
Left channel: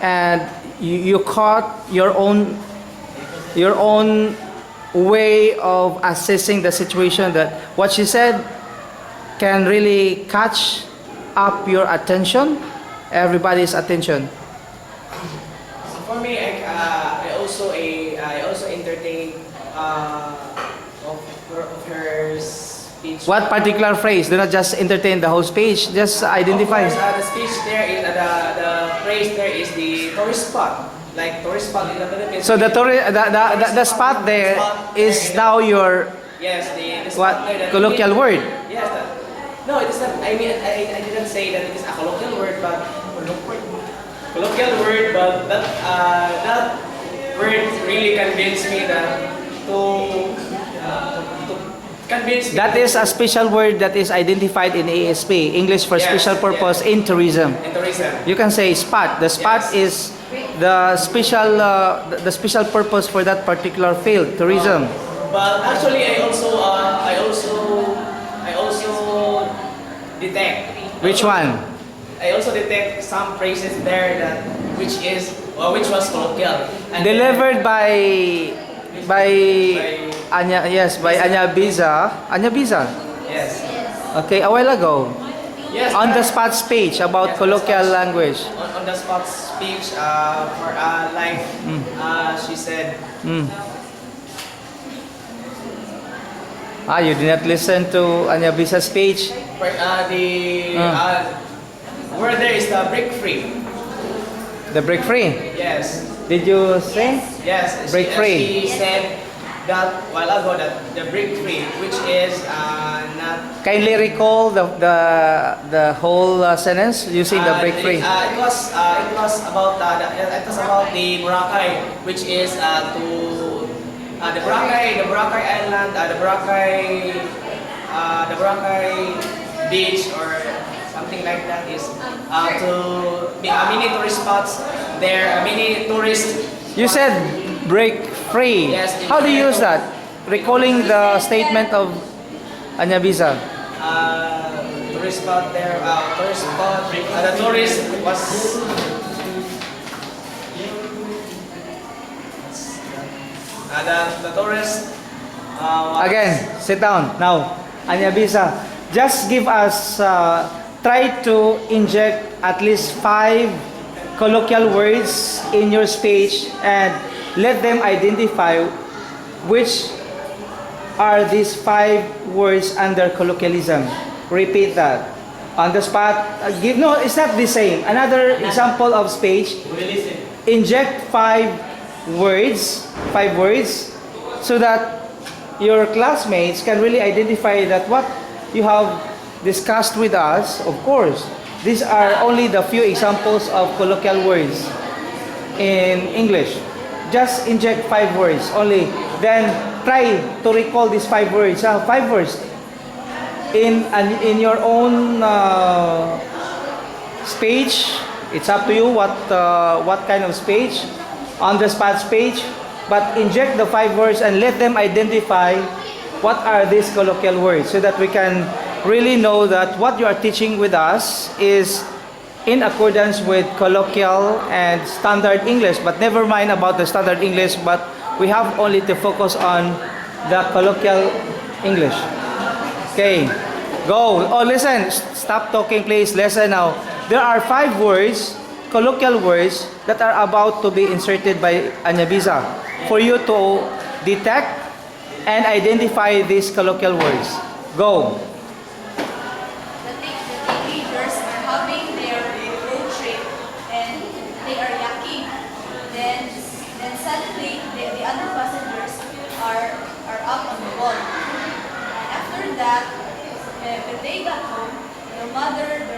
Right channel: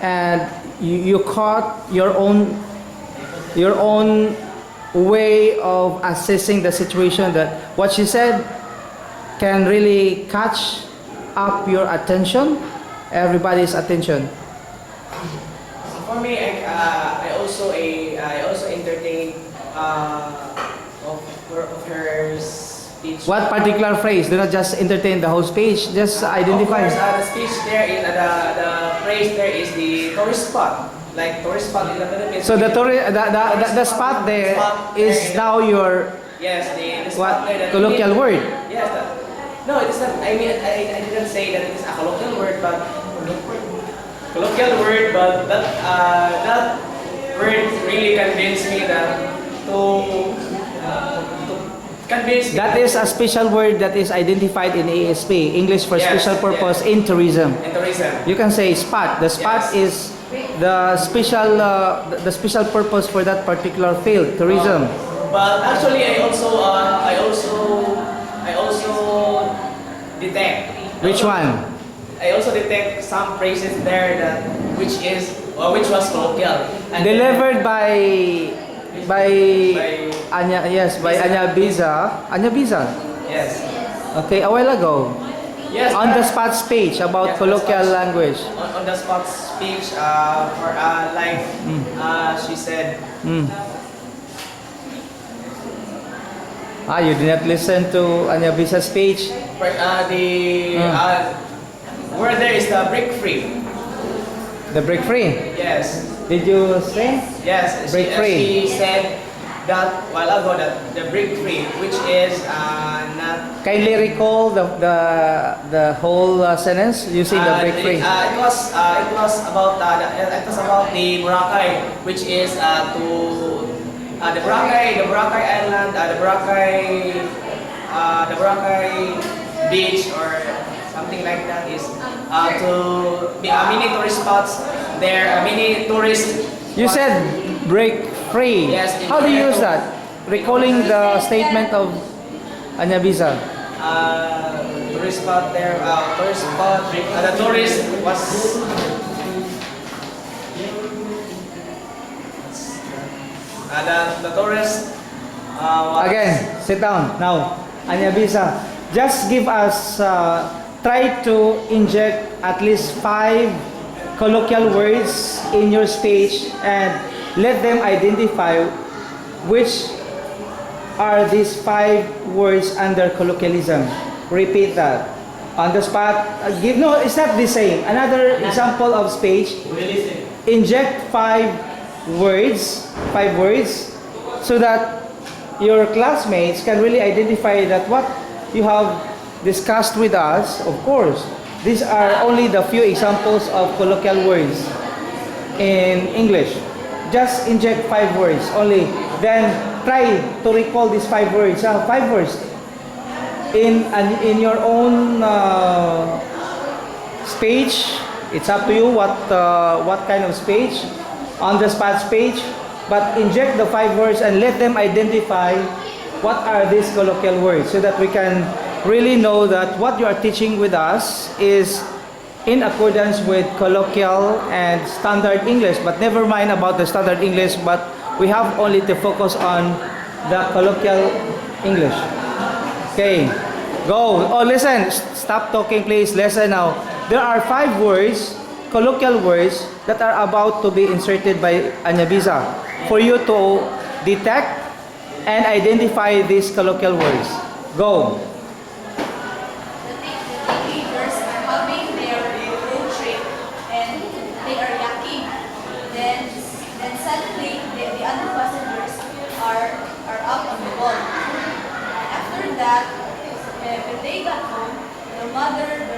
And you caught your own way of assessing the situation, that what she said can really catch up your attention, everybody's attention. For me, I also entertain of her speech. What particular phrase? Do not just entertain the whole speech. Just identify. Of course, the speech there is the phrase there is the tourist spot, like tourist spot in the Philippines. So the spot there is now your yes, the what spot there that colloquial word. Yes. No, it is not. I mean, I didn't say that it is a colloquial word, but that word really convinced me to convince me. That is a special word that is identified in ASP, English for Yes, special purpose yes. in tourism. In tourism. You can say spot. The spot Yes. is the special purpose for that particular field, tourism. But actually, I also detect. Which one? I also detect some phrases there which was colloquial. And Delivered by Anya, yes, by Anya Bisa. Anya Bisa. Yes. Okay, a while ago. Yes. On the spot speech about Yes, colloquial language. On the spot speech for she said. You did not listen to Anya Bisa's speech. Word there is the break free. The break free. Yes. Did you say? Yes. Break free. She said that while ago that the break free, which is not. Kindly recall the whole sentence using the break free. It was about the Boracay, which is the Boracay Island, the Boracay beach or something like that is to be mini tourist spots there, mini tourist. You said break free. Yes, How do you use that? Recalling the statement of Anya Bisa. Tourist spot there, the tourist was The tourist Again, sit down. Now, Anya Bisa, just give us, try to inject at least 5 colloquial words in your speech and let them identify which are these 5 words under colloquialism. Repeat that. On the spot, give, no, it's not the same. Another example of speech, We listen. inject 5 words, so that your classmates can really identify that what you have discussed with us. Of course, these are only the few examples of colloquial words in English. Just inject 5 words only. Then try to recall these 5 words. 5 words in your own speech. It's up to you what kind of speech, on the spot speech. But inject the 5 words and let them identify what are these colloquial words, so that we can really know that what you are teaching with us is in accordance with colloquial and standard English. But never mind about the standard English, but we have only to focus on the colloquial English. Okay, go. Oh, listen, stop talking please, listen now. There are 5 words, colloquial words, that are about to be inserted by Anya Bisa for you to detect and identify these colloquial words. Go. The teenagers are having their road trip and they are yakking. Then suddenly the other passengers are up on the wall. And after that, when they got home, their mother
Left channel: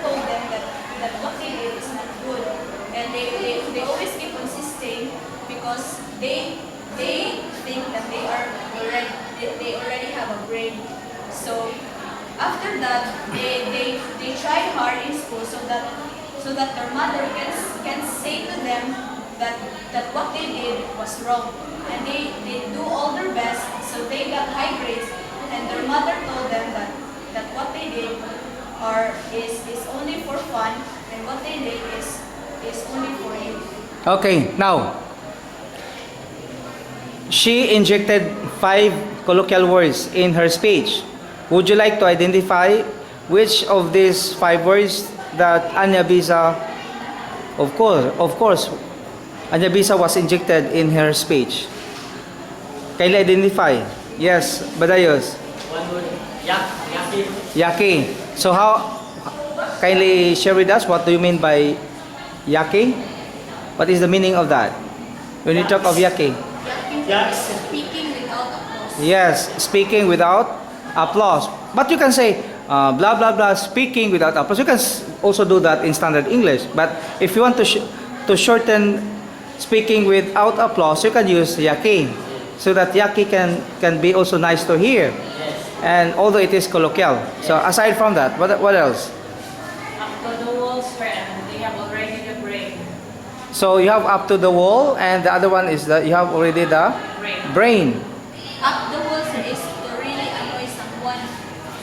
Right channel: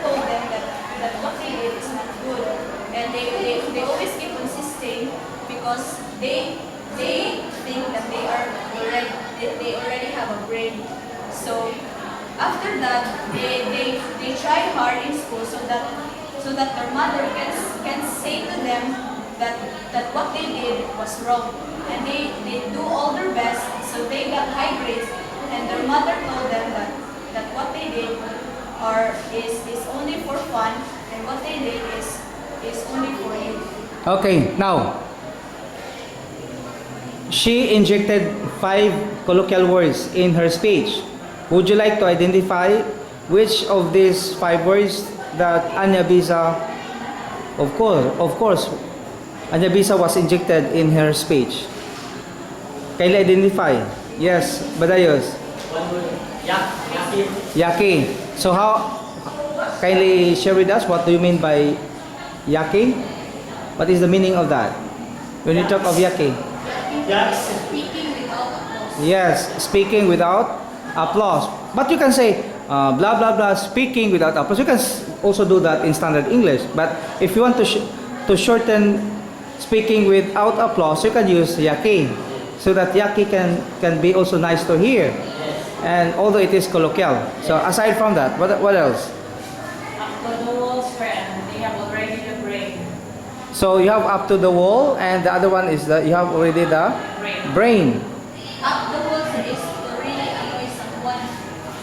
told them that what they did is not good. And they always keep insisting because they think that they already have a brain. So after that, they try hard in school so that their mother can say to them that what they did was wrong. And they do all their best, so they got high grades. And their mother told them that what they did is only for fun, and what they did is only for you. Okay, now she injected 5 colloquial words in her speech. Would you like to identify which of these 5 words that Anya Bisa, of course, Anya Bisa was injected in her speech? Kindly identify. Yes, Badayos. One word. Yaki. Yaki. So how, kindly share with us, what do you mean by yaki? What is the meaning of that? When you talk of yaki? Yaks. Speaking without applause. Yes, speaking without applause. But you can say blah blah blah, speaking without applause. You can also do that in standard English. But if you want to shorten speaking without applause, you can use yaki, so that yaki can be also nice to hear. And although it is colloquial. So aside from that, what else? Up to the walls where they have already the brain. So you have up to the wall, and the other one is that you have already the brain. Up the walls is to really annoy someone.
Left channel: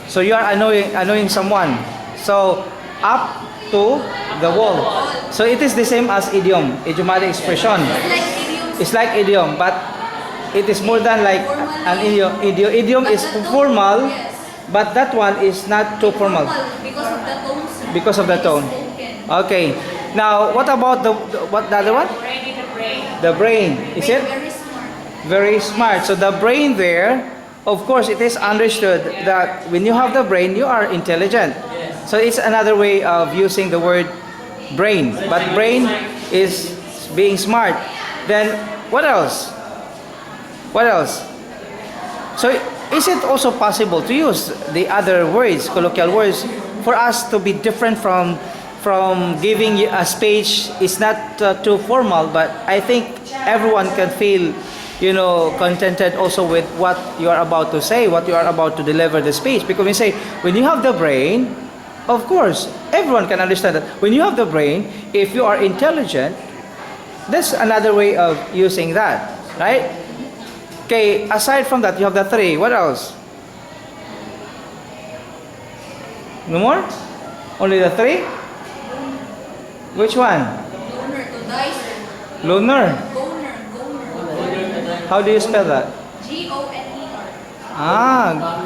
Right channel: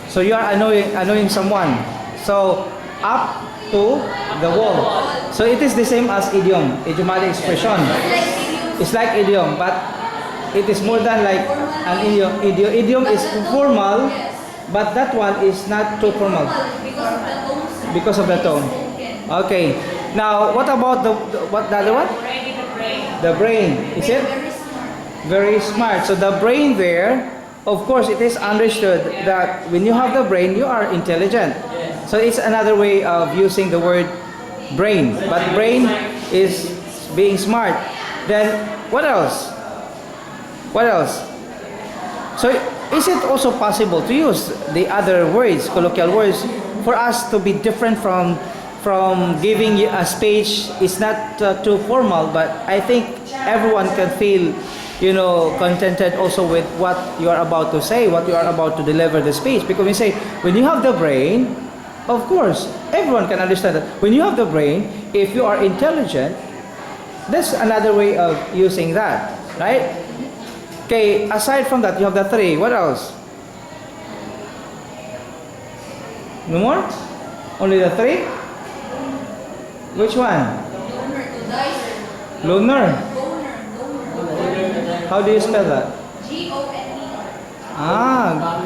So you are annoying someone. So up to the wall. So it is the same as idiom, idiomatic expression. Like idioms. It's like idiom, but it is more than like an idiom. Idiom is formal, Yes. but that one is not too formal Because of the tones. because of the tone. Spoken. Okay. Now, what about the other one? Already the brain. The brain. Is it? Very smart. Very smart. So the brain there, of course, it is understood that when you have the brain, you are intelligent. So it's another way of using the word brain. But brain is being smart. Then what else? What else? So is it also possible to use the other words, colloquial words, for us to be different from giving you a speech? It's not too formal, but I think everyone can feel, contented also with what you are about to say, what you are about to deliver the speech. Because we say, when you have the brain, of course, everyone can understand that. When you have the brain, if you are intelligent, that's another way of using that, right? Okay, aside from that, you have the 3. What else? No more? Only the 3? Which one? Loner to dice. Lunar. Goner. How do you spell that? Goner. Ah,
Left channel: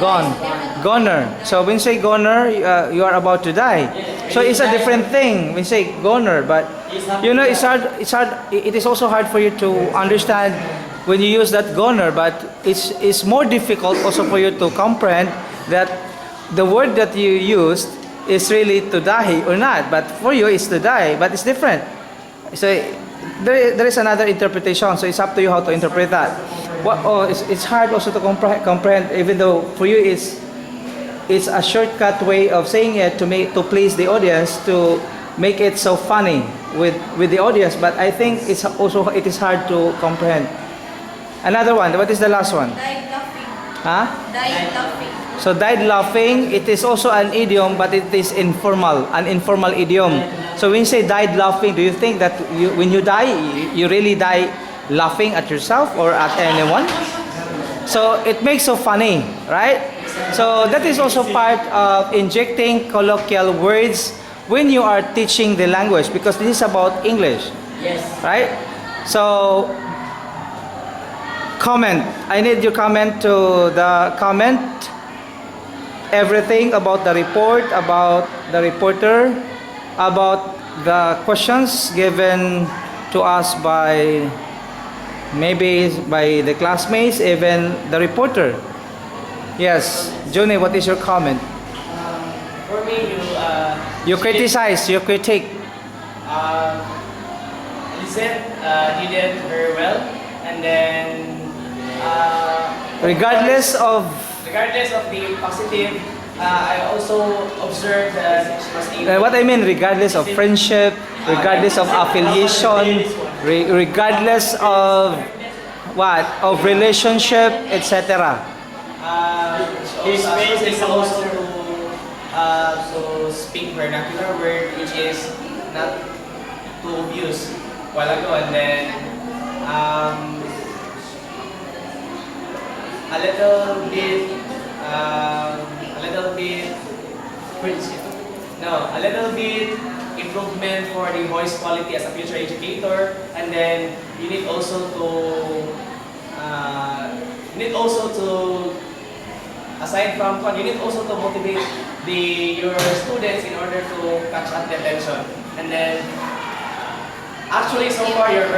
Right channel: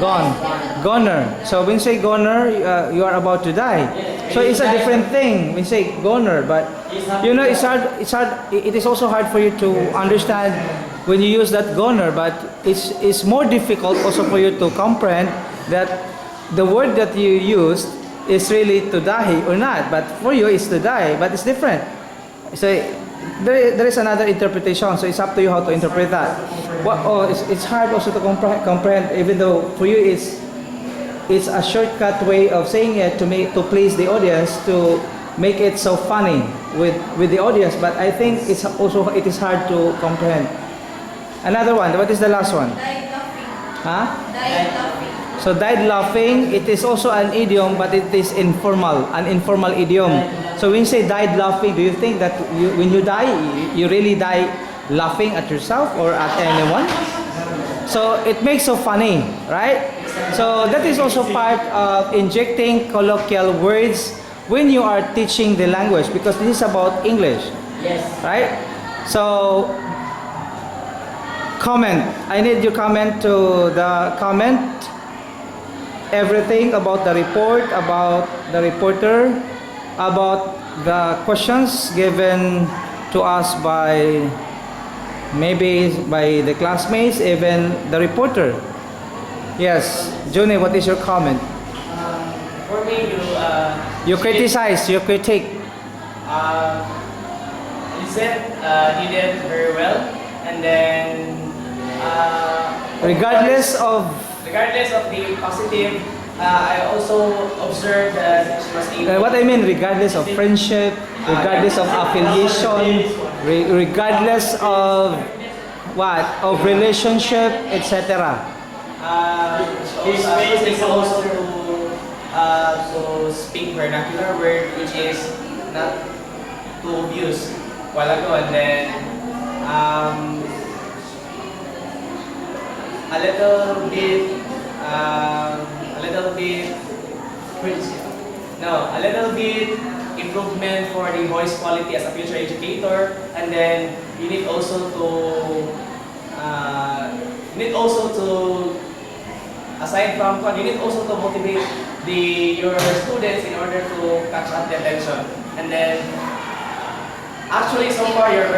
gone. Goner. So when you say goner, you are about to die. So it's a different thing when you say goner, but you know it's hard. It's hard. It is also hard for you to understand when you use that goner. But it's more difficult also for you to comprehend that the word that you used is really to die or not. But for you, it's to die, but it's different. So there is another interpretation. So it's up to you how to interpret that. It's hard also to comprehend, even though for you it's a shortcut way of saying it to please the audience, to make it so funny with the audience. But I think it is hard to comprehend. Another one. What is the last one? Died laughing. Huh? Died laughing. So died laughing. It is also an idiom, but it is informal, an informal idiom. So when you say died laughing, do you think that when you die, you really die laughing at yourself or at anyone? So it makes so funny, right? So that is also part of injecting colloquial words when you are teaching the language, because this is about English, Yes. right? So comment. I need your comment to the comment. Everything about the report, about the reporter, about the questions given to us by maybe by the classmates, even the reporter. Yes, Juni, what is your comment? For me, You criticize, you critique. Lizette did it very well, and then Regardless of regardless of the positive, I also observed that she was able. what I mean, regardless of friendship, regardless of affiliation, regardless of what, of relationship, etc. She's able also to speak vernacular word, which is not to abuse while ago, and then a little bit a little bit improvement for the voice quality as a future educator, and then you need also to aside from you need also to motivate your students in order to catch up the attention. And then actually so far you're a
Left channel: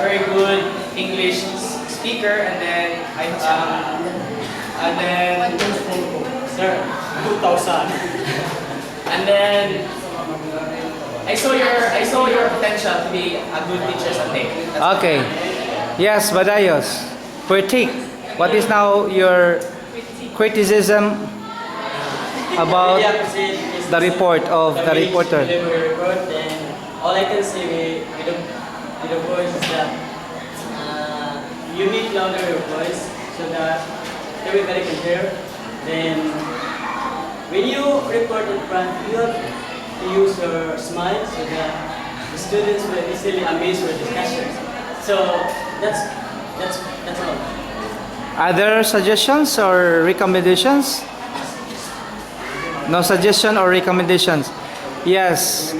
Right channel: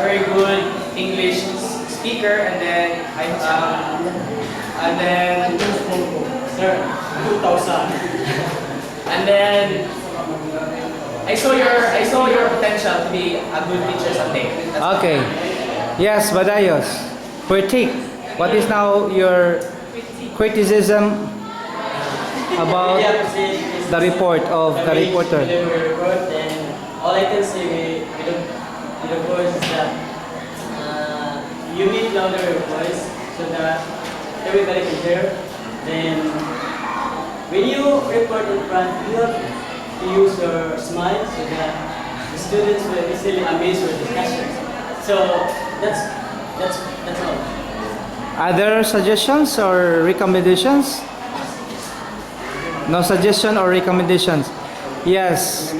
very good English speaker, and then sir, 2000. And then I saw your potential to be a good teacher someday. Okay. Yes, Badayos. Critique. What is now your criticism about the report of the reporter? Report, and all I can say with the voice is that you need louder your voice so that everybody can hear. Then when you report in front, you have to use your smile so that the students will easily amaze your discussion. So that's all. Other suggestions or recommendations? No suggestion or recommendations? Yes.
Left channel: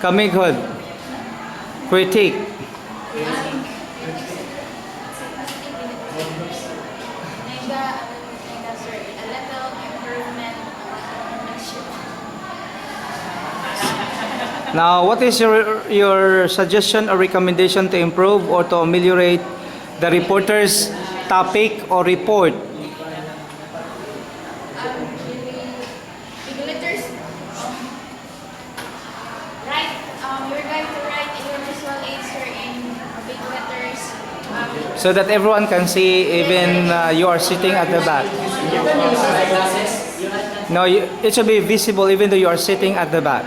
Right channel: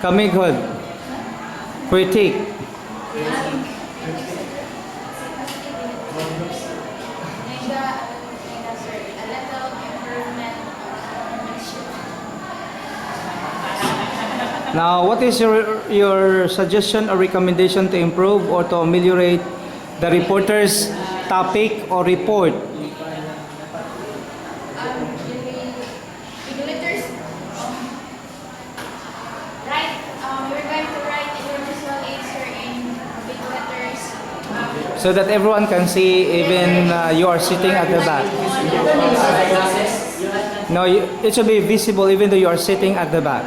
Kamighod. Critique. Now, what is your suggestion or recommendation to improve or to ameliorate the reporter's topic or report? Regulators, you're going to write in your visual aids or in big letters. So that everyone can see, even you are sitting at the back. No, it should be visible even though you are sitting at the back.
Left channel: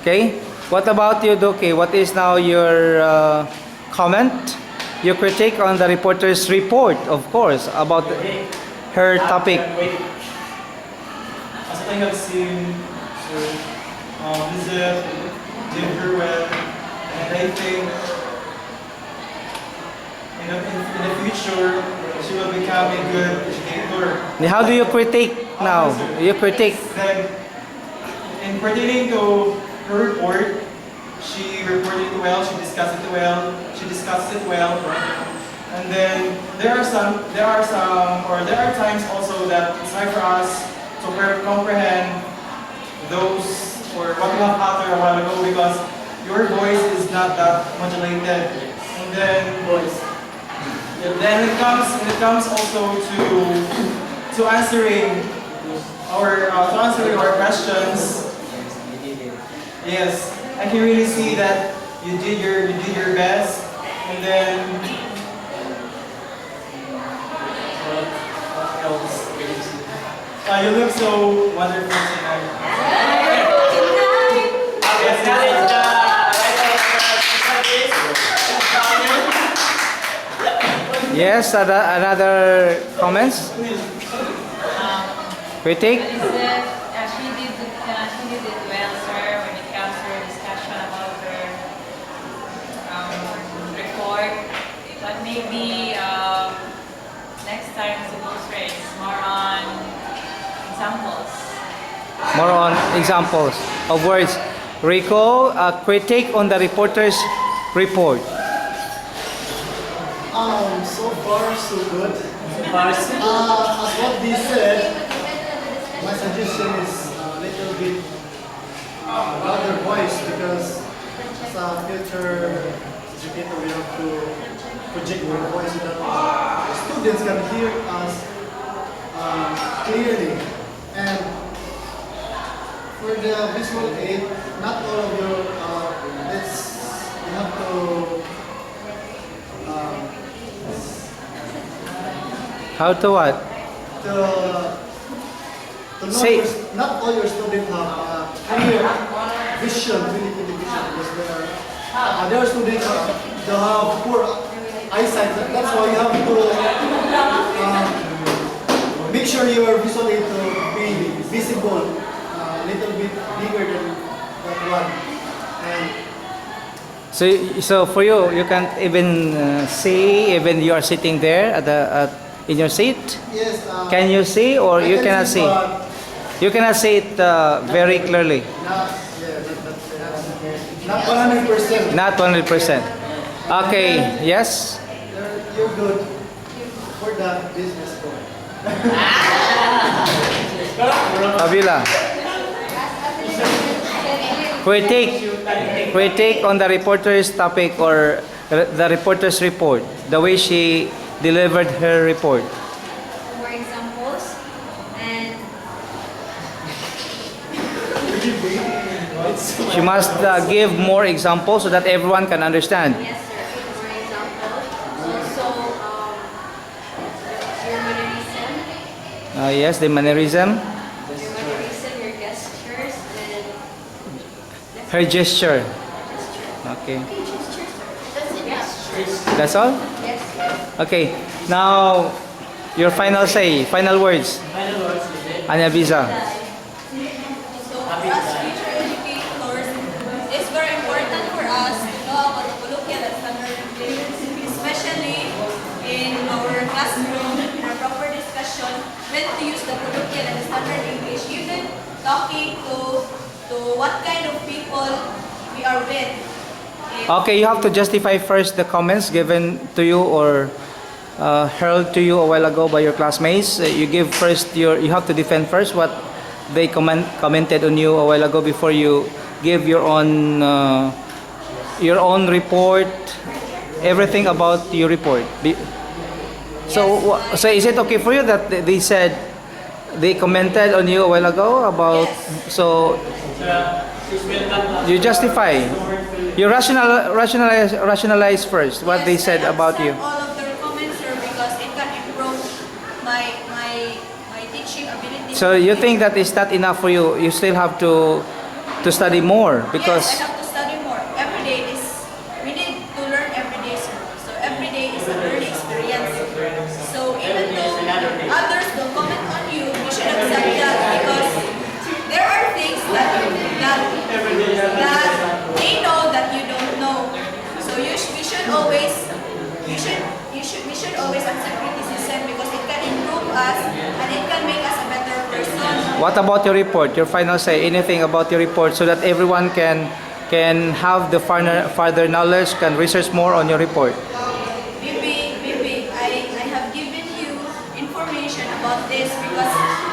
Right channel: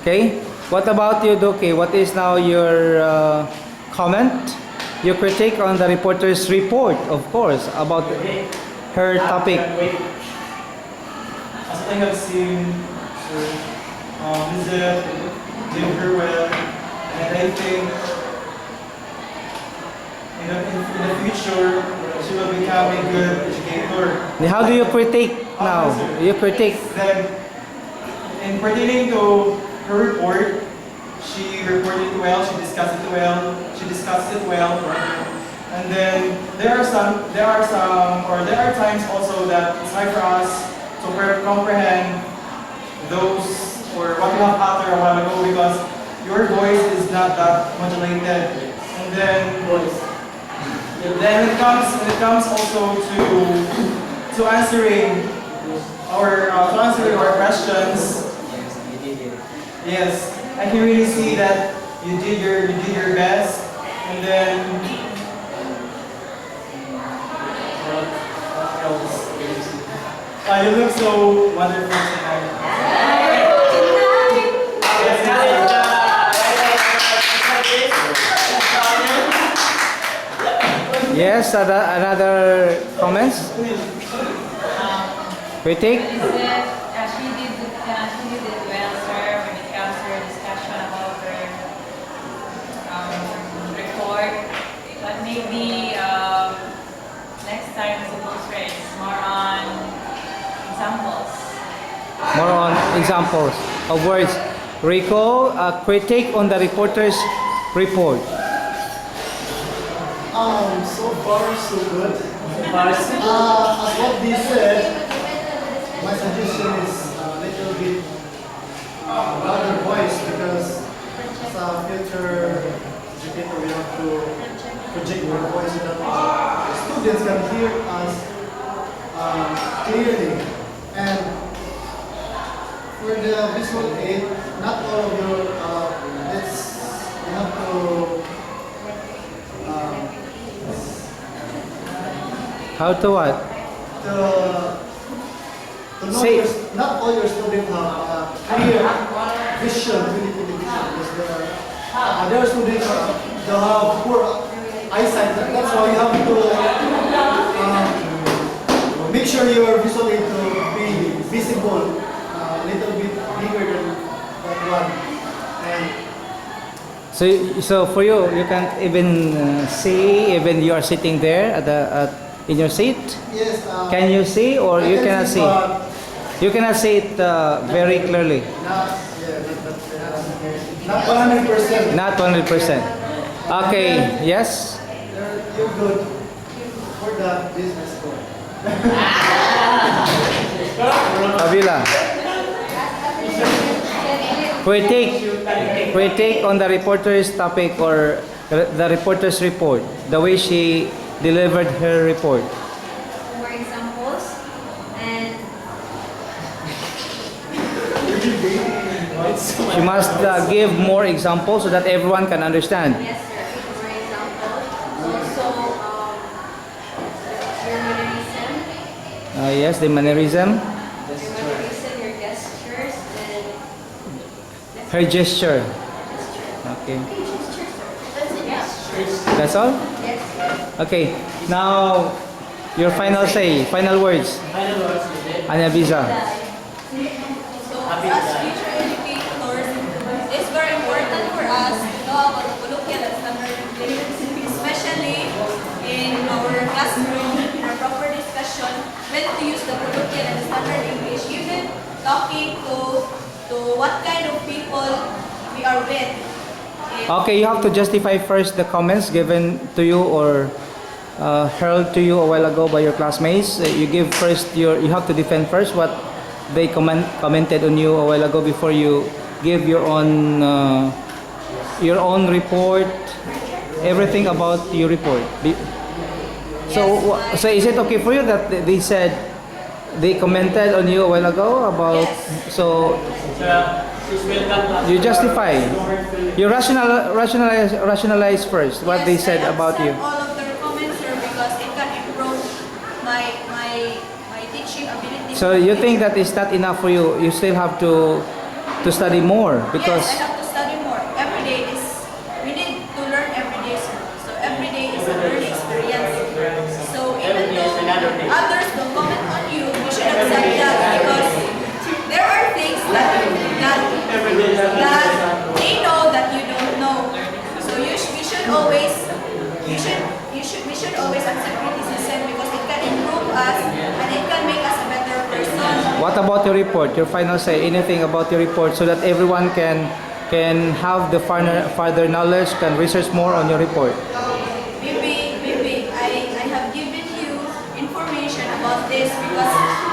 Okay? What about you, Doki? What is now your comment? Your critique on the reporter's report, of course, about her topic. As I have seen, Lizette did her well, and I think in the future she will become a good educator. How do you critique now? You critique. Then, in pertaining to her report, she reported it well, she discussed it well, And then there are times also that it's hard for us to comprehend those or what you have uttered a while ago because your voice is not that modulated. And then when it comes also to answering our questions. Yes, I can really see that you did your best, and then you look so wonderful tonight. Yes, another comments? Critic? She did it well, sir, when it comes to her discussion about her report. But maybe next time, suppose it's more on examples. More on examples of words. Rico, a critique on the reporter's report. So far so good. As what they said, my suggestion is a little bit louder voice because as a future educator we have to project our voice so that students can hear us clearly. And for the visual aid, not all of your you have to How to what? to know Say- not all your students have clear vision, really clear vision, because there are students that have poor eyesight. That's why you have to make sure your visual aid to be visible, a little bit bigger than that one. And So for you, you can't even see, even you are sitting there in your seat. yes, Can you see or I you can cannot see? but You cannot see it very clearly. not 100%. Not 100%. Okay, yes? You're good for the business goal. Avila. Critique on the reporter's topic or the reporter's report, the way she delivered her report. More examples. And She must give more examples so that everyone can understand. yes, sir, more examples. Also, your mannerism, Yes, the mannerism, your gestures, and her gesture. Okay, that's it. Yeah. that's all? Yes. Okay, now your final say, final words. Final words is it? Anya Visa. So for us future educators, it's very important for us to know about the colloquial and standard English, especially in our classroom, our proper discussion, when to use the colloquial and standard English, even talking to what kind of people we are with. Okay, you have to justify first the comments given to you or hurled to you a while ago by your classmates. You have to defend first what they commented on you a while ago before you give your own report, everything about your report. So is it okay for you that they said they commented on you a while ago about so Please welcome. you justify, you rationalize first what they said about you. All of their comments, sir, because it can improve my teaching ability. So you think that is not enough for you? You still have to study more because Yes, I have to study more. Every day we need to learn every day, sir. So every day is a learning experience. So even though others don't comment on you, you should accept that because there are things that they know that you don't know. So we should always accept criticism because it can improve us and it can make us a better person. what about your report? Your final say, anything about your report so that everyone can have the further knowledge, can research more on your report. Maybe about this because